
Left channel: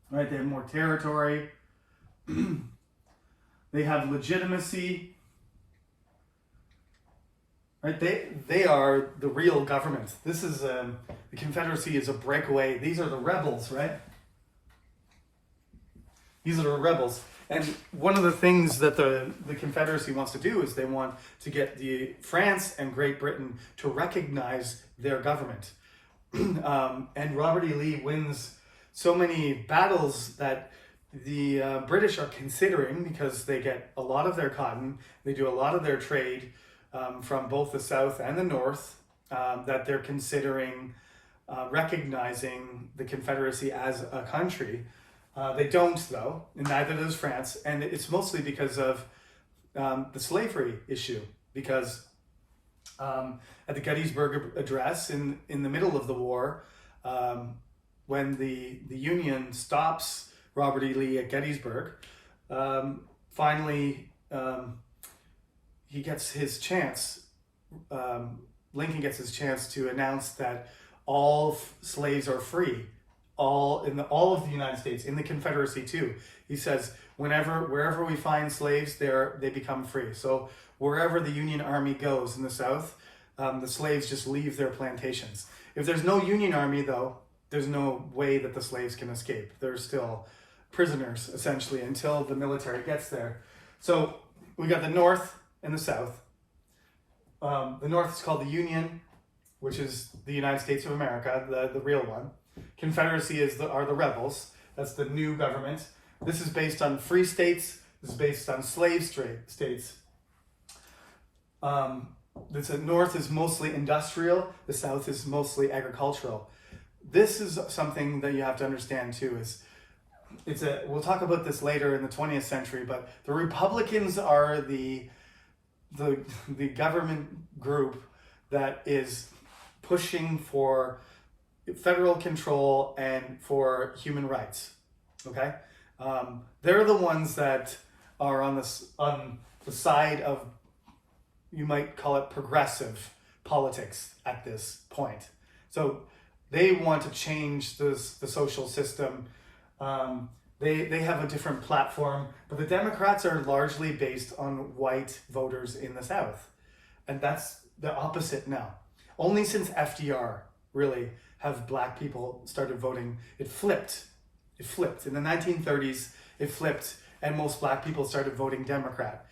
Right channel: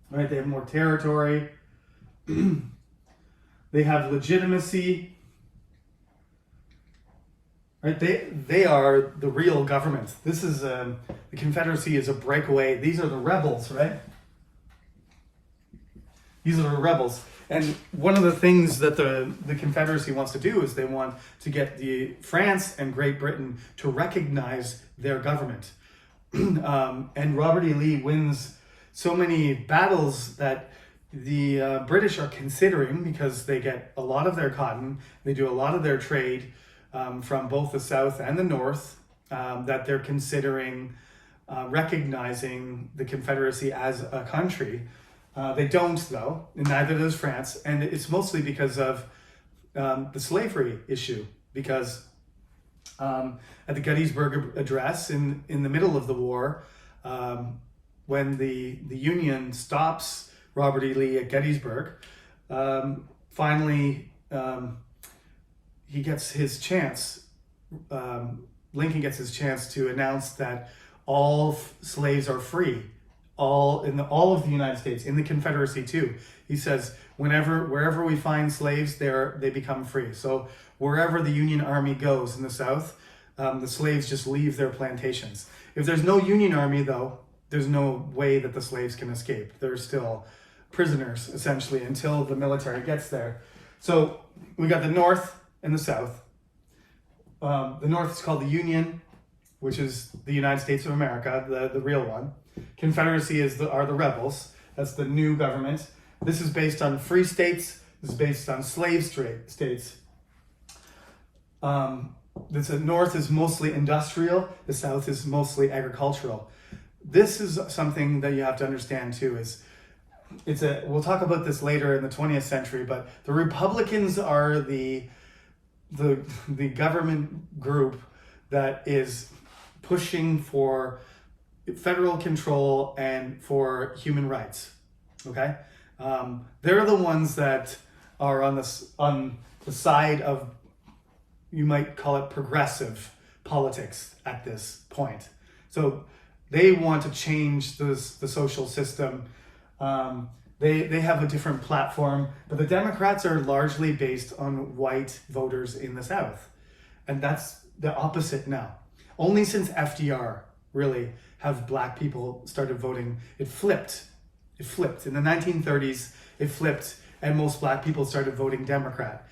right? They have more territory. They have legitimacy, right? They are the real government. This is the Confederacy is a breakaway. These are the rebels, right? These are the rebels. And one of the things that the Confederacy wants to do is they want to get France and Great Britain to recognize their government. And Robert E. Lee wins so many battles that the British are considering, because they get a lot of their cotton, they do a lot of their trade from both the South and the North, that they're considering recognizing the Confederacy as a country. They don't, though, and neither does France, and it's mostly because of the slavery issue, because at the Gettysburg Address in the middle of the war, when the Union stops Robert E. Lee at Gettysburg, finally he gets his chance, Lincoln gets his chance to announce that all slaves are free, all of the United States, in the Confederacy too. He says, wherever we find slaves, they become free. So wherever the Union Army goes in the South, the slaves just leave their plantations. If there's no Union Army, though, there's no way that the slaves can escape. They're still prisoners, essentially, until the military gets there. So we got the North and the South. The North is called the Union, which is the United States of America, the real one. Confederacy are the rebels. That's the new government. This is based on free states. This is based on slave states. The North is mostly industrial. The South is mostly agricultural. This is something that you have to understand too. We'll talk about this later in the 20th century, but the Republicans are the government group that is pushing for federal control and for human rights. Okay, they're the ones that are on the side of, you might call it, progressive politics at this point. So they want to change the social system. They have a different platform, but the Democrats are largely based on white voters in the South, and that's the opposite now. Only since FDR really have black people started voting. It flipped. In the 1930s, it flipped, and most black people started voting Democrat.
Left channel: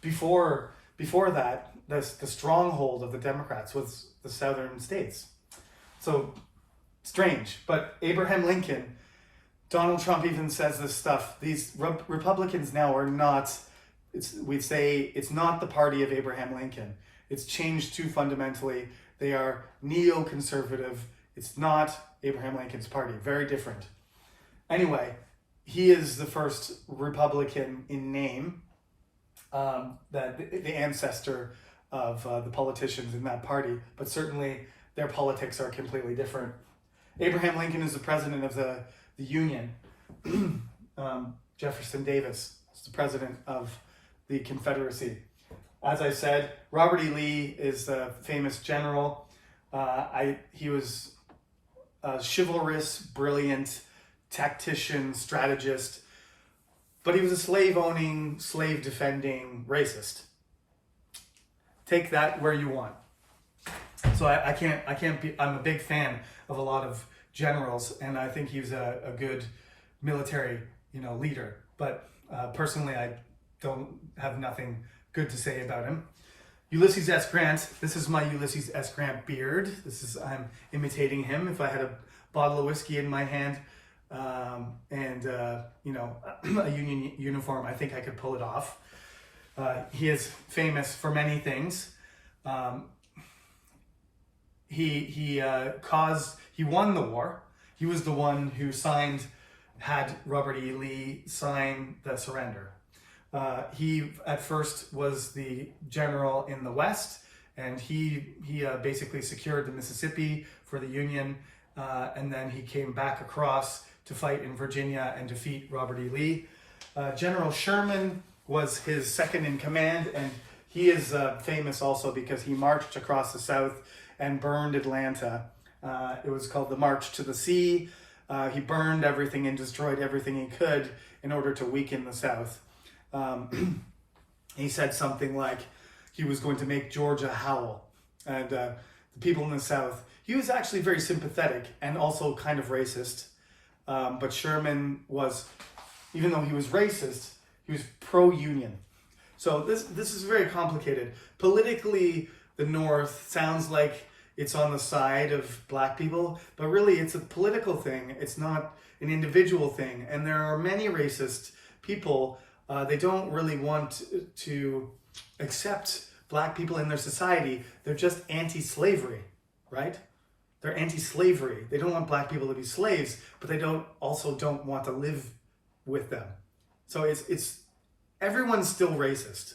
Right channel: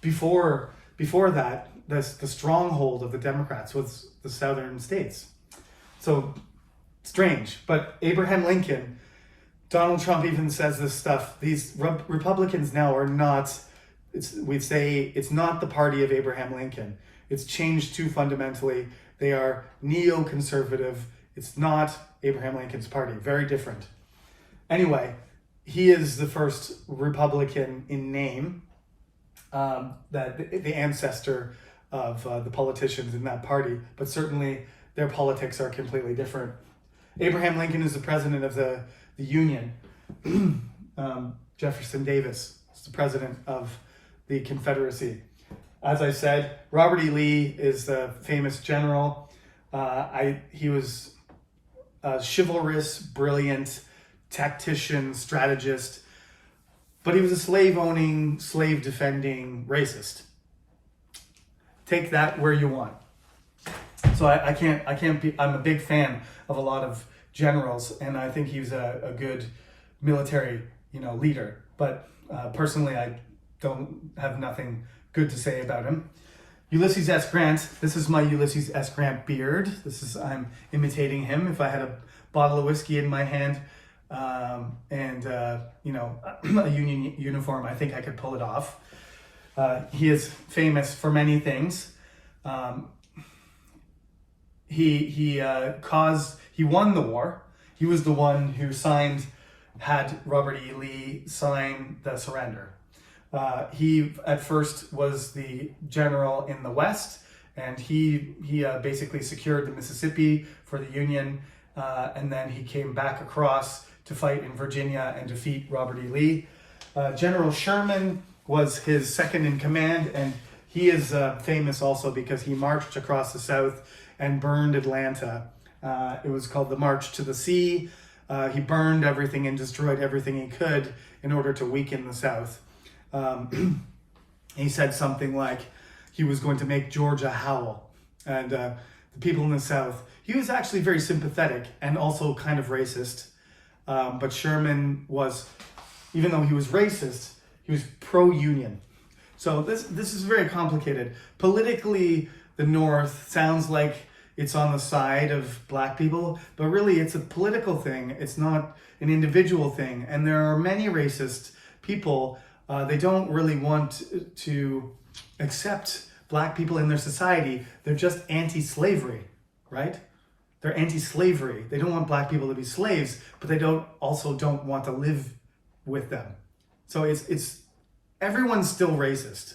Before that, the stronghold of the Democrats was the southern states. So strange. But Abraham Lincoln, Donald Trump even says this stuff. These Republicans now are not, we'd say it's not the party of Abraham Lincoln. It's changed too fundamentally. They are neoconservative. It's not Abraham Lincoln's party. Very different. Anyway, he is the first Republican in name, that the ancestor of the politicians in that party, but certainly their politics are completely different. Abraham Lincoln is the president of the Union. Jefferson Davis is the president of the Confederacy. As I said, Robert E. Lee is the famous general. He was a chivalrous, brilliant tactician, strategist, but he was a slave-owning, slave-defending racist. Take that where you want. So I can't be. I'm a big fan of a lot of generals, and I think he's a good military, leader. But personally, I don't have nothing good to say about him. Ulysses S. Grant. This is my Ulysses S. Grant beard. I'm imitating him. If I had a bottle of whiskey in my hand, and a Union uniform, I think I could pull it off. He is famous for many things. He won the war. He was the one who had Robert E. Lee sign the surrender. He at first was the general in the West, and he basically secured the Mississippi for the Union, and then he came back across to fight in Virginia and defeat Robert E. Lee. General Sherman was his second in command, and He is famous also because he marched across the South and burned Atlanta. It was called the March to the Sea. He burned everything and destroyed everything he could in order to weaken the South. He said something like he was going to make Georgia howl. And the people in the South, he was actually very sympathetic and also kind of racist. But Sherman was, even though he was racist, he was pro-union. So this is very complicated. Politically, the North sounds like it's on the side of black people, but really it's a political thing. It's not an individual thing. And there are many racist people. They don't really want to accept black people in their society. They're just anti-slavery, right? They're anti-slavery. They don't want black people to be slaves, but they also don't want to live with them. So it's everyone's still racist.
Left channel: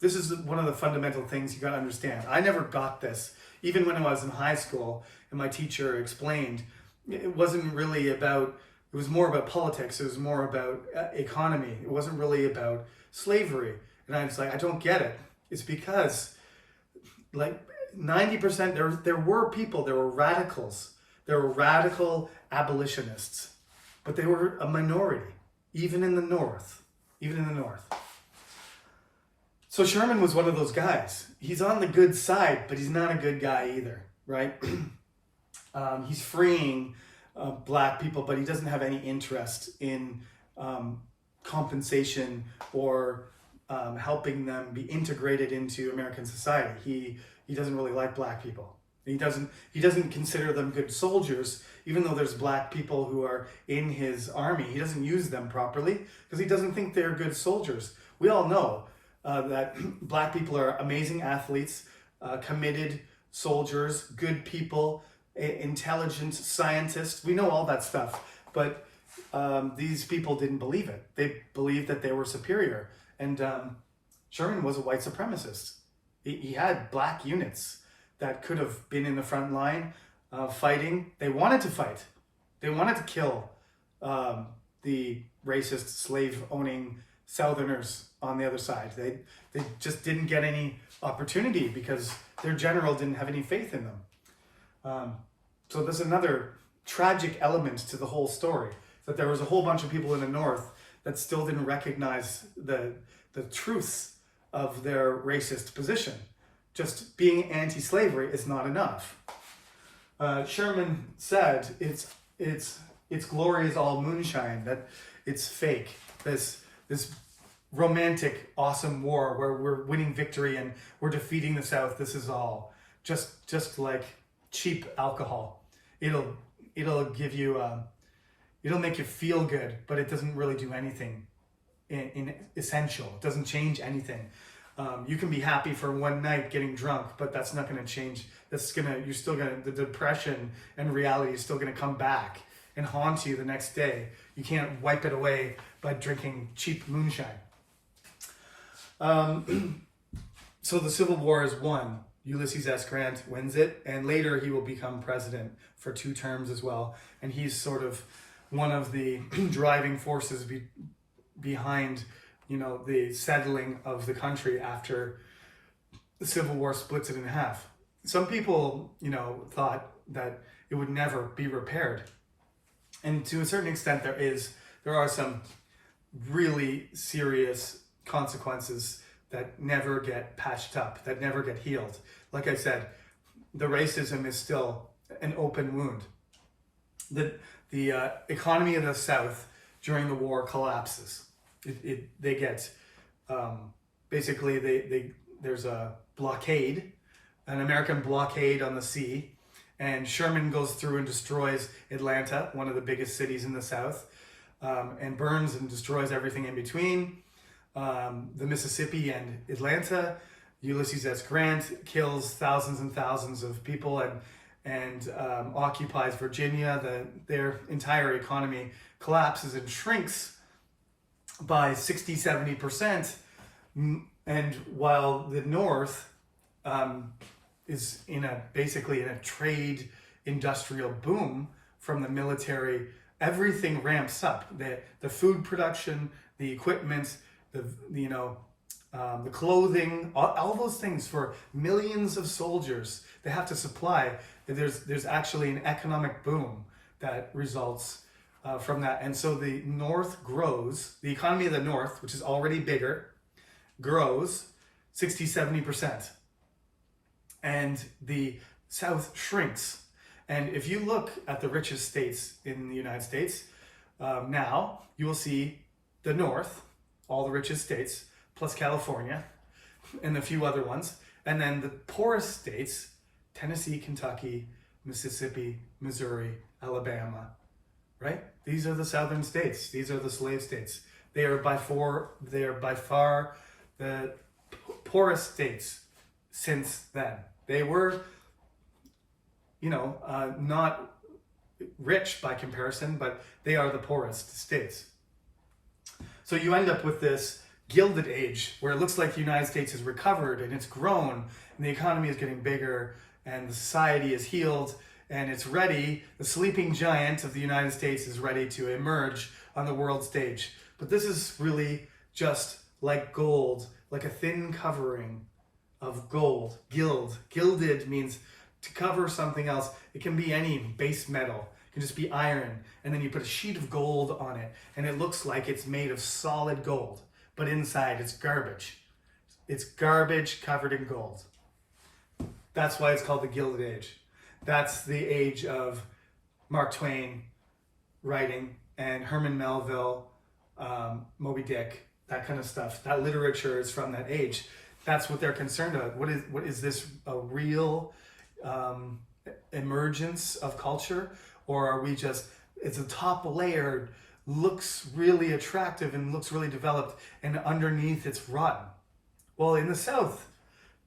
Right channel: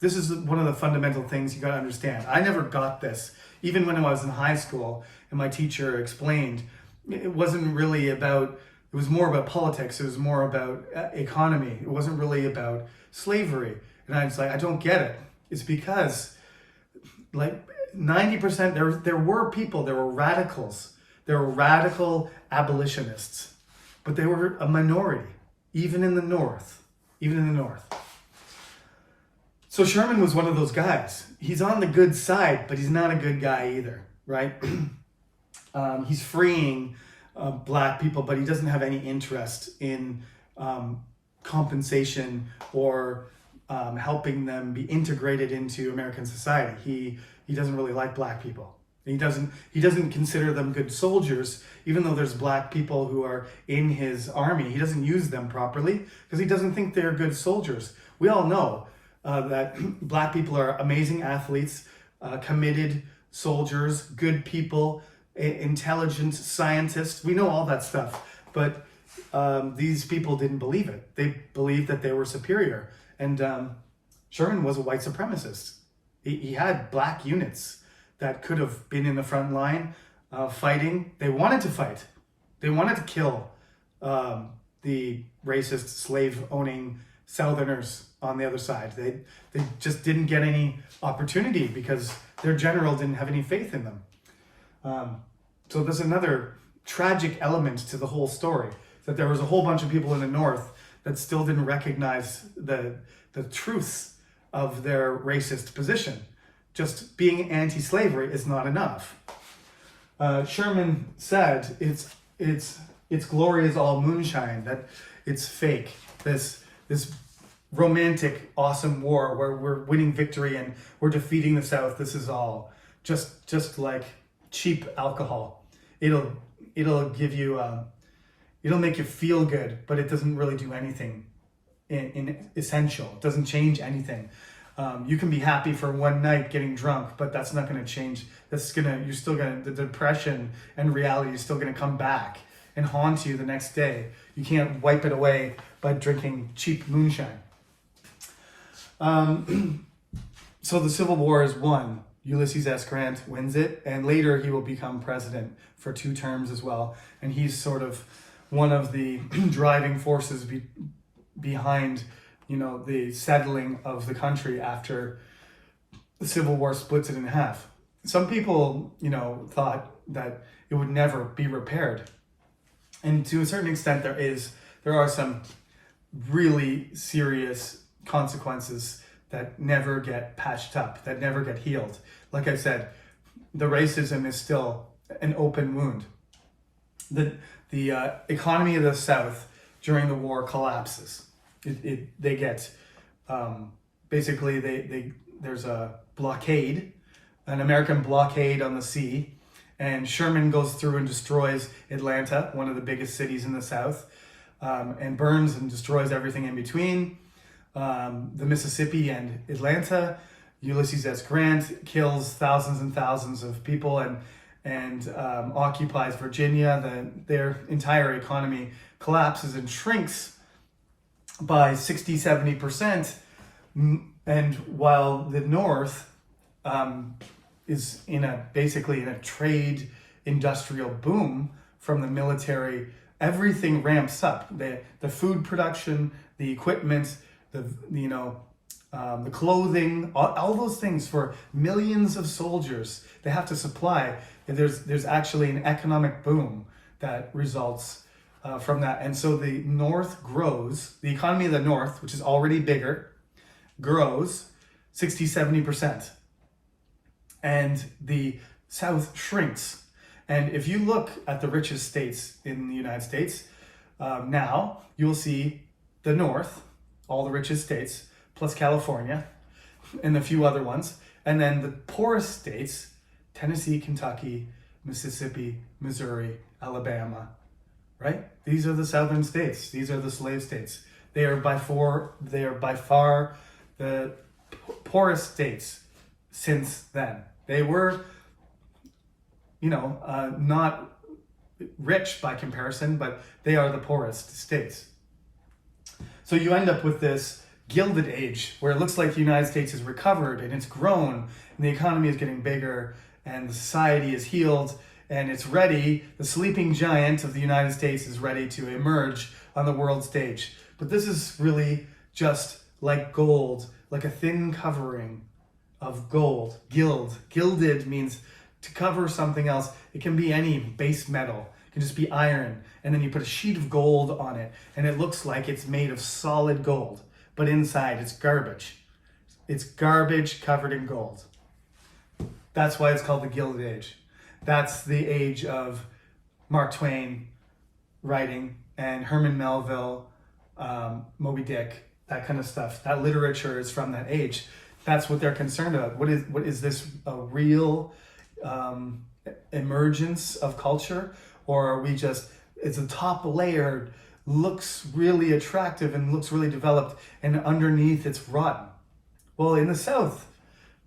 This is one of the fundamental things you got to understand. I never got this. Even when I was in high school and my teacher explained, it wasn't really about, it was more about politics. It was more about economy. It wasn't really about slavery. And I was like, I don't get it. It's because like 90%, there were people, there were radicals. There were radical abolitionists, but they were a minority, even in the North. So Sherman was one of those guys. He's on the good side, but he's not a good guy either, right? He's freeing black people, but he doesn't have any interest in compensation or helping them be integrated into American society. He doesn't really like black people. He doesn't consider them good soldiers, even though there's black people who are in his army. He doesn't use them properly because he doesn't think they're good soldiers. We all know that black people are amazing athletes, committed soldiers, good people, intelligent scientists. We know all that stuff, but these people didn't believe it. They believed that they were superior. And Sherman was a white supremacist. He had black units that could have been in the front line fighting. They wanted to fight. They wanted to kill the racist slave-owning Southerners on the other side. They just didn't get any opportunity because their general didn't have any faith in them. So there's another tragic element to the whole story, that there was a whole bunch of people in the North that still didn't recognize the truths of their racist position. Just being anti-slavery is not enough. Sherman said its glory is all moonshine, that it's fake. This romantic, awesome war where we're winning victory and we're defeating the South. This is all just like cheap alcohol. It'll give you it'll make you feel good, but it doesn't really do anything in essential. It doesn't change anything. You can be happy for one night getting drunk, but that's not going to change. The depression and reality is still going to come back and haunt you the next day. You can't wipe it away by drinking cheap moonshine. So the Civil War is won. Ulysses S Grant wins it, and later he will become president for 2 terms as well. And he's sort of one of the driving forces behind, the settling of the country after the Civil War splits it in half. Some people, thought that it would never be repaired. And to a certain extent, there are some really serious consequences that never get patched up, that never get healed. Like I said, the racism is still an open wound. The economy of the South during the war collapses. They get basically there's a blockade, an American blockade on the sea, and Sherman goes through and destroys Atlanta, one of the biggest cities in the South, and burns and destroys everything in between. The Mississippi and Atlanta. Ulysses S Grant kills thousands and thousands of people and occupies Virginia. Their entire economy collapses and shrinks by 60-70%. And while the North is basically in a trade industrial boom from the military, everything ramps up. The food production, the equipment, the clothing, all those things for millions of soldiers they have to supply. There's actually an economic boom that results from that. And so the North grows, the economy of the North, which is already bigger, grows 60-70%. And the South shrinks. And if you look at the richest states in the United States, now you will see the North, all the richest states, plus California, and a few other ones. And then the poorest states, Tennessee, Kentucky, Mississippi, Missouri, Alabama, right? These are the southern states. These are the slave states. They are by far the poorest states since then. They were, not rich by comparison, but they are the poorest states. So you end up with this Gilded Age where it looks like the United States has recovered and it's grown and the economy is getting bigger and the society is healed and it's ready. The sleeping giant of the United States is ready to emerge on the world stage. But this is really just like gold, like a thin covering of gold. Gilded means to cover something else. It can be any base metal. It can just be iron. And then you put a sheet of gold on it and it looks like it's made of solid gold. But inside it's garbage. It's garbage covered in gold. That's why it's called the Gilded Age. That's the age of Mark Twain writing and Herman Melville, Moby Dick, that kind of stuff. That literature is from that age. That's what they're concerned about. What is this a real emergence of culture? Or are we just, it's a top layer, looks really attractive and looks really developed, and underneath it's rotten? Well, in the South,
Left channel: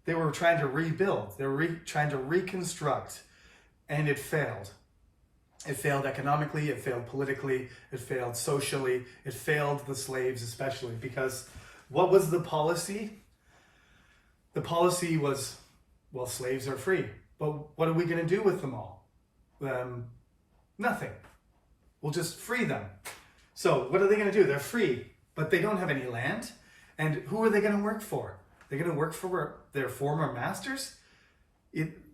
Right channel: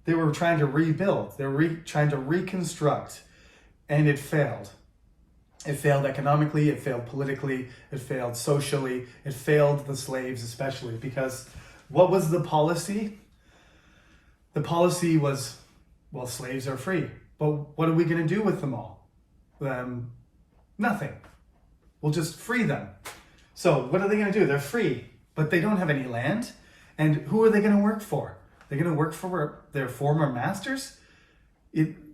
they were trying to rebuild. They were trying to reconstruct, and it failed. It failed economically, it failed politically, it failed socially, it failed the slaves especially, because what was the policy? The policy was, well, slaves are free, but what are we going to do with them all? Nothing. We'll just free them. So what are they going to do? They're free, but they don't have any land. And who are they going to work for? They're going to work for their former masters?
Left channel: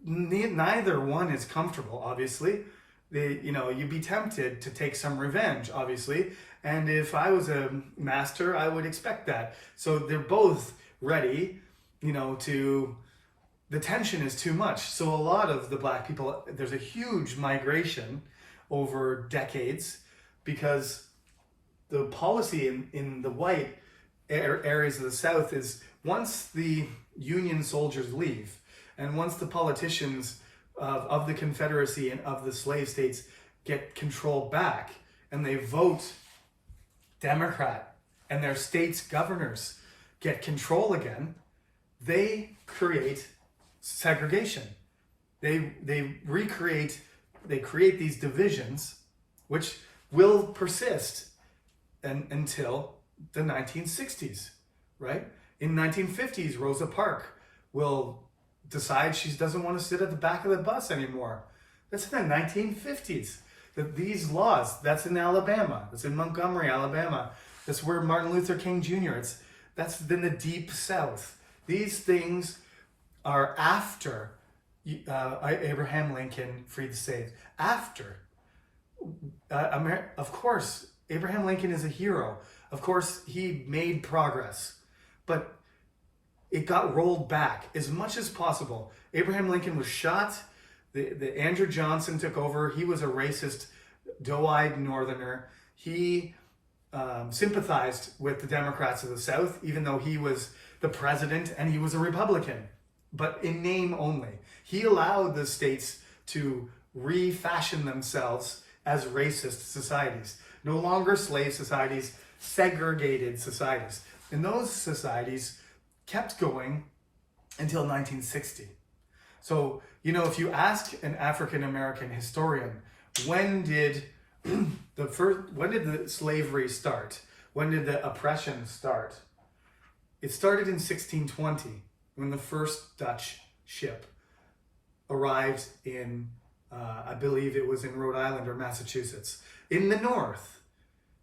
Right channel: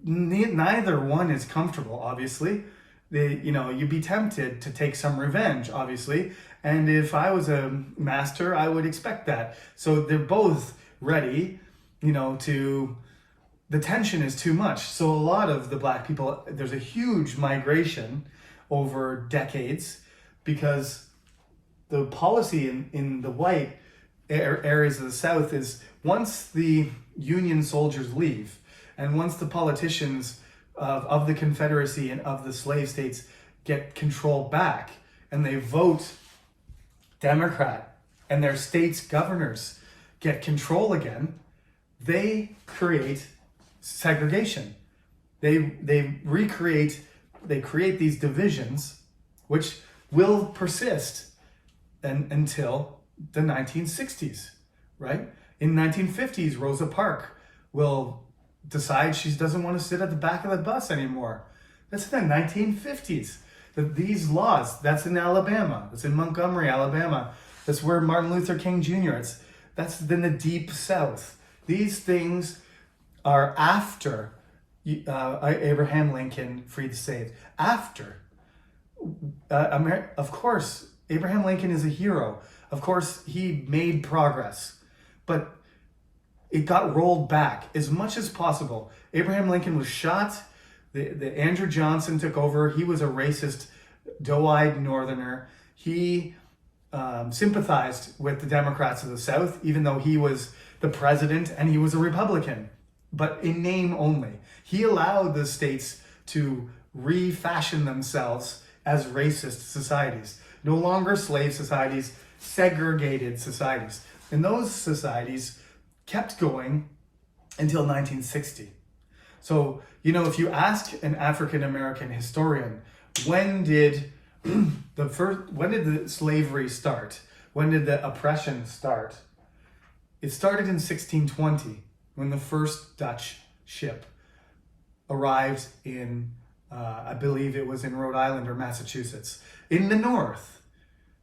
Neither one is comfortable, obviously. You'd be tempted to take some revenge, obviously. And if I was a master, I would expect that. So they're both ready, the tension is too much. So a lot of the black people, there's a huge migration over decades because the policy in the white areas of the South is once the Union soldiers leave and once the politicians of the Confederacy and of the slave states get control back and they vote Democrat and their state's governors get control again, they create segregation. They create these divisions which will persist until the 1960s, right? In 1950s, Rosa Parks will decide she doesn't want to sit at the back of the bus anymore. That's in the 1950s. These laws, that's in Alabama. That's in Montgomery, Alabama. That's where Martin Luther King Jr. That's in the deep South. These things are after Abraham Lincoln freed the slaves. After. Of course, Abraham Lincoln is a hero. Of course, he made progress. But it got rolled back as much as possible. Abraham Lincoln was shot. The Andrew Johnson took over. He was a racist, doe-eyed northerner. He sympathized with the Democrats of the South, even though he was the president and he was a Republican, but in name only. He allowed the states to refashion themselves as racist societies. No longer slave societies, segregated societies. And those societies kept going until 1960. So, if you ask an African-American historian, when did the slavery start? When did the oppression start? It started in 1620 when the first Dutch ship arrived in, I believe it was in Rhode Island or Massachusetts, in the north.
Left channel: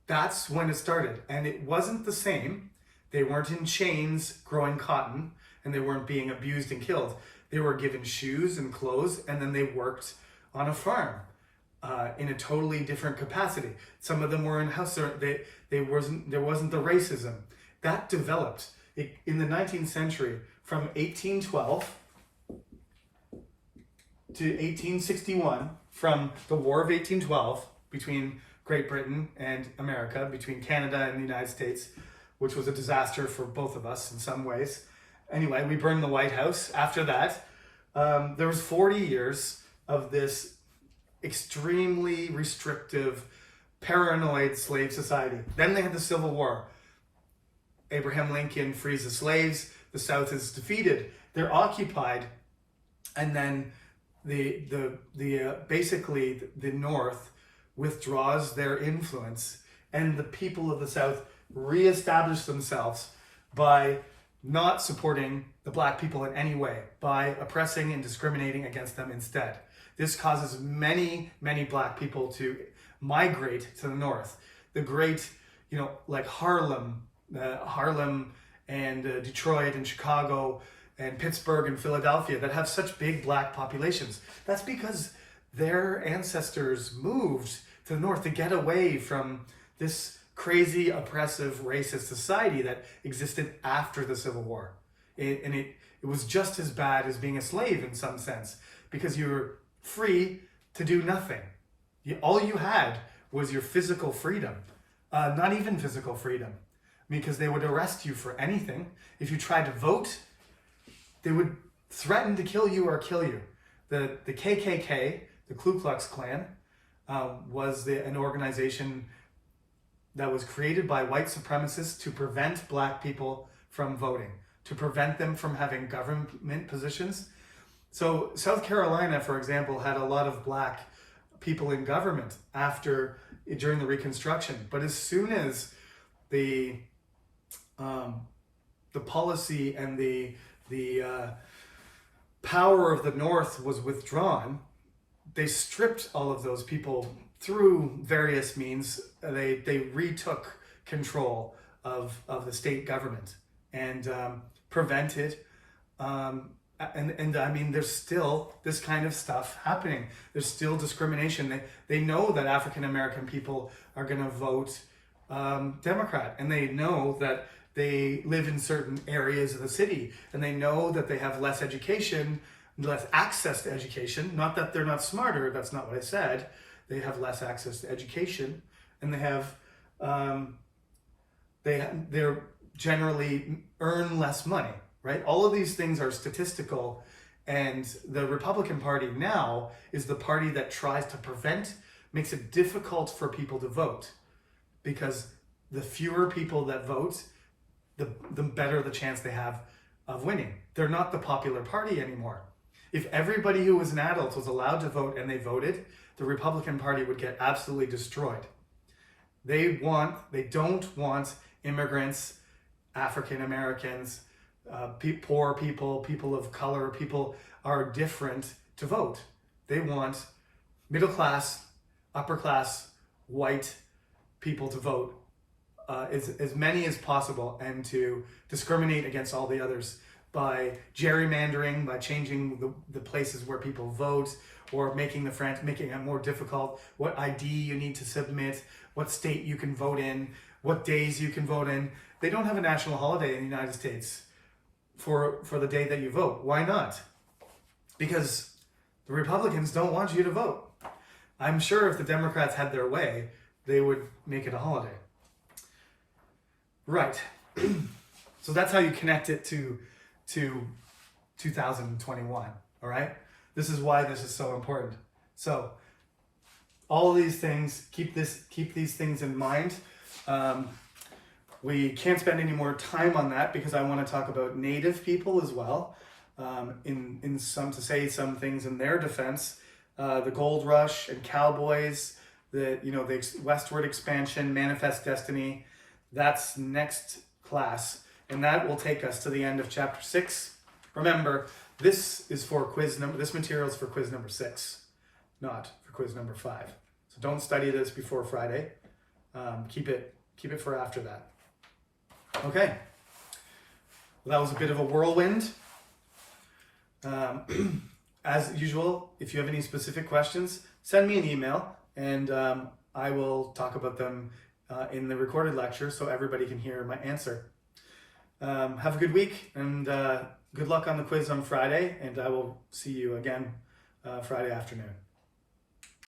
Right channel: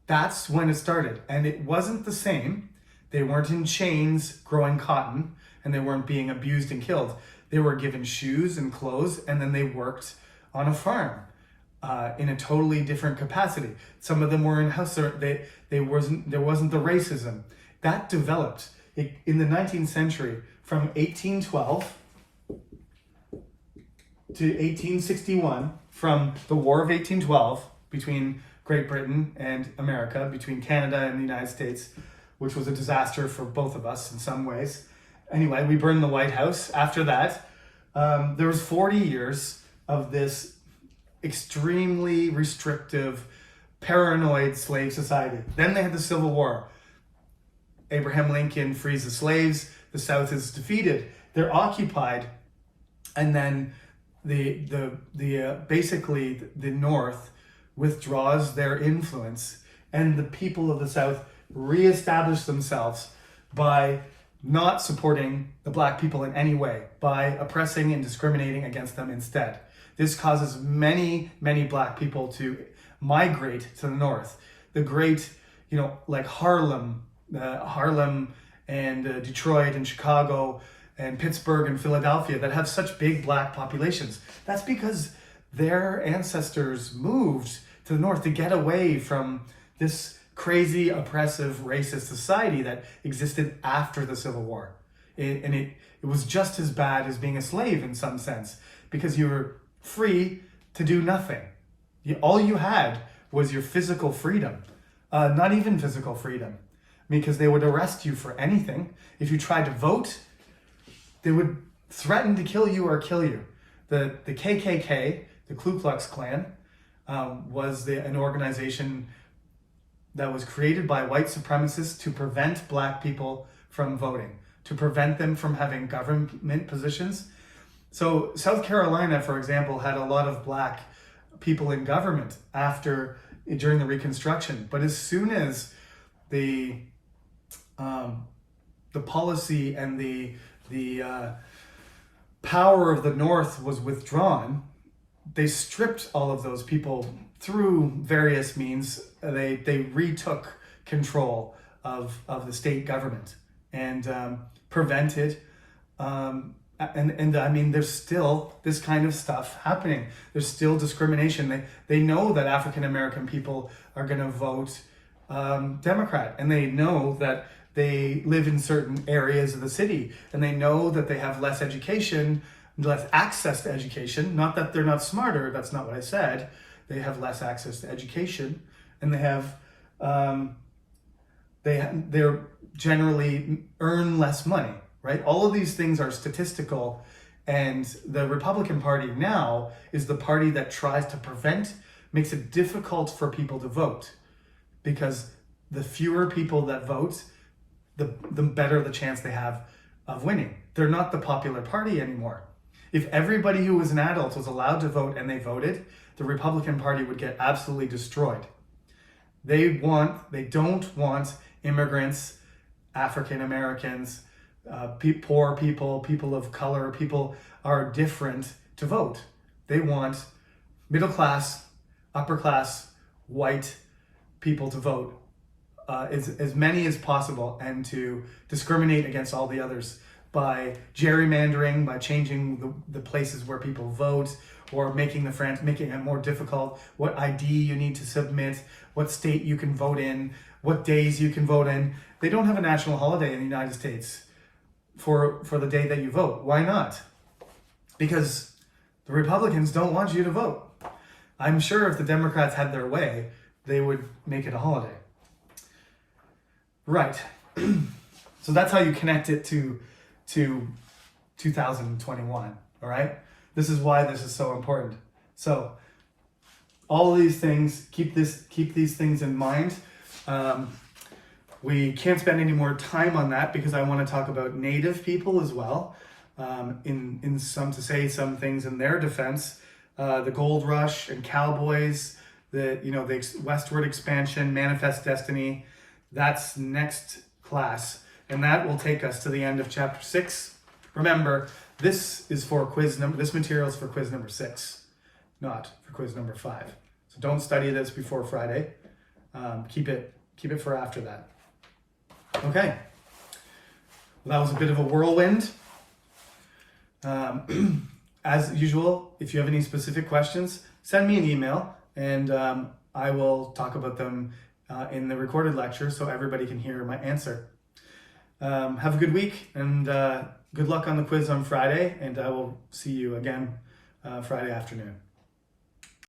That's when it started. And it wasn't the same. They weren't in chains growing cotton, and they weren't being abused and killed. They were given shoes and clothes, and then they worked on a farm in a totally different capacity. Some of them were in house. There wasn't the racism that developed in the 19th century from 1812 to 1861. From the War of 1812 between Great Britain and America, between Canada and the United States, which was a disaster for both of us in some ways. Anyway, we burned the White House. After that, there was 40 years of this extremely restrictive, paranoid slave society. Then they had the Civil War. Abraham Lincoln frees the slaves. The South is defeated. They're occupied, and then basically the North withdraws their influence, and the people of the South reestablish themselves by not supporting the black people in any way, by oppressing and discriminating against them instead. This causes many, many black people to migrate to the North. The great, like Harlem and Detroit and Chicago and Pittsburgh and Philadelphia that have such big black populations. That's because their ancestors moved to the North to get away from this crazy, oppressive, racist society that existed after the Civil War. It was just as bad as being a slave in some sense, because you were free to do nothing. All you had was your physical freedom, not even physical freedom, because they would arrest you for anything. If you tried to vote, they would threaten to kill you or kill you. The KKK, the Ku Klux Klan, was an organization that was created by white supremacists to prevent black people from voting, to prevent them from having government positions. So South Carolina, for example, had a lot of black people in government during the Reconstruction. But as soon as the policy and the power of the North was withdrawn, they stripped all of those people through various means. They retook control of the state government and prevented. And I mean, there's still this kind of stuff happening. There's still discrimination. They know that African American people are going to vote Democrat, and they know that they live in certain areas of the city, and they know that they have less education, less access to education. Not that they're not smarter, that's not what I said. They have less access to education, and they're generally earn less money, right? All of these things are statistical, and the Republican Party now is the party that tries to makes it difficult for people to vote, because the fewer people that vote, the better the chance they have of winning. They're not the popular party anymore. If everybody who was an adult was allowed to vote and they voted, the Republican Party would get absolutely destroyed. They don't want immigrants, African Americans, poor people, people of color, people are different to vote. They want middle class, upper class, white people to vote. As many as possible, and to discriminate against all the others by gerrymandering, by changing the places where people vote, or making it more difficult, what ID you need to submit, what state you can vote in, what days you can vote in. They don't have a national holiday in the United States for the day that you vote. Why not? Because the Republicans don't want you to vote. I'm sure if the Democrats had their way, they would make it a holiday. Right. So that's how you connect it to 2021, all right? This is why this is so important. So all of these things, keep these things in mind. We can't spend any more time on that because I want to talk about Native people as well. To say some things in their defense, the gold rush and cowboys, the westward expansion, manifest destiny. That's next class, and that will take us to the end of chapter 6. Remember, this material is for quiz number 6, not for quiz number 5. So don't study this before Friday. Keep it for after that. Okay. Well, that was a bit of a whirlwind. As usual, if you have any specific questions, send me an email, and I will talk about them in the recorded lecture so everybody can hear my answer. Have a good week, and good luck on the quiz on Friday, and I will see you again Friday afternoon.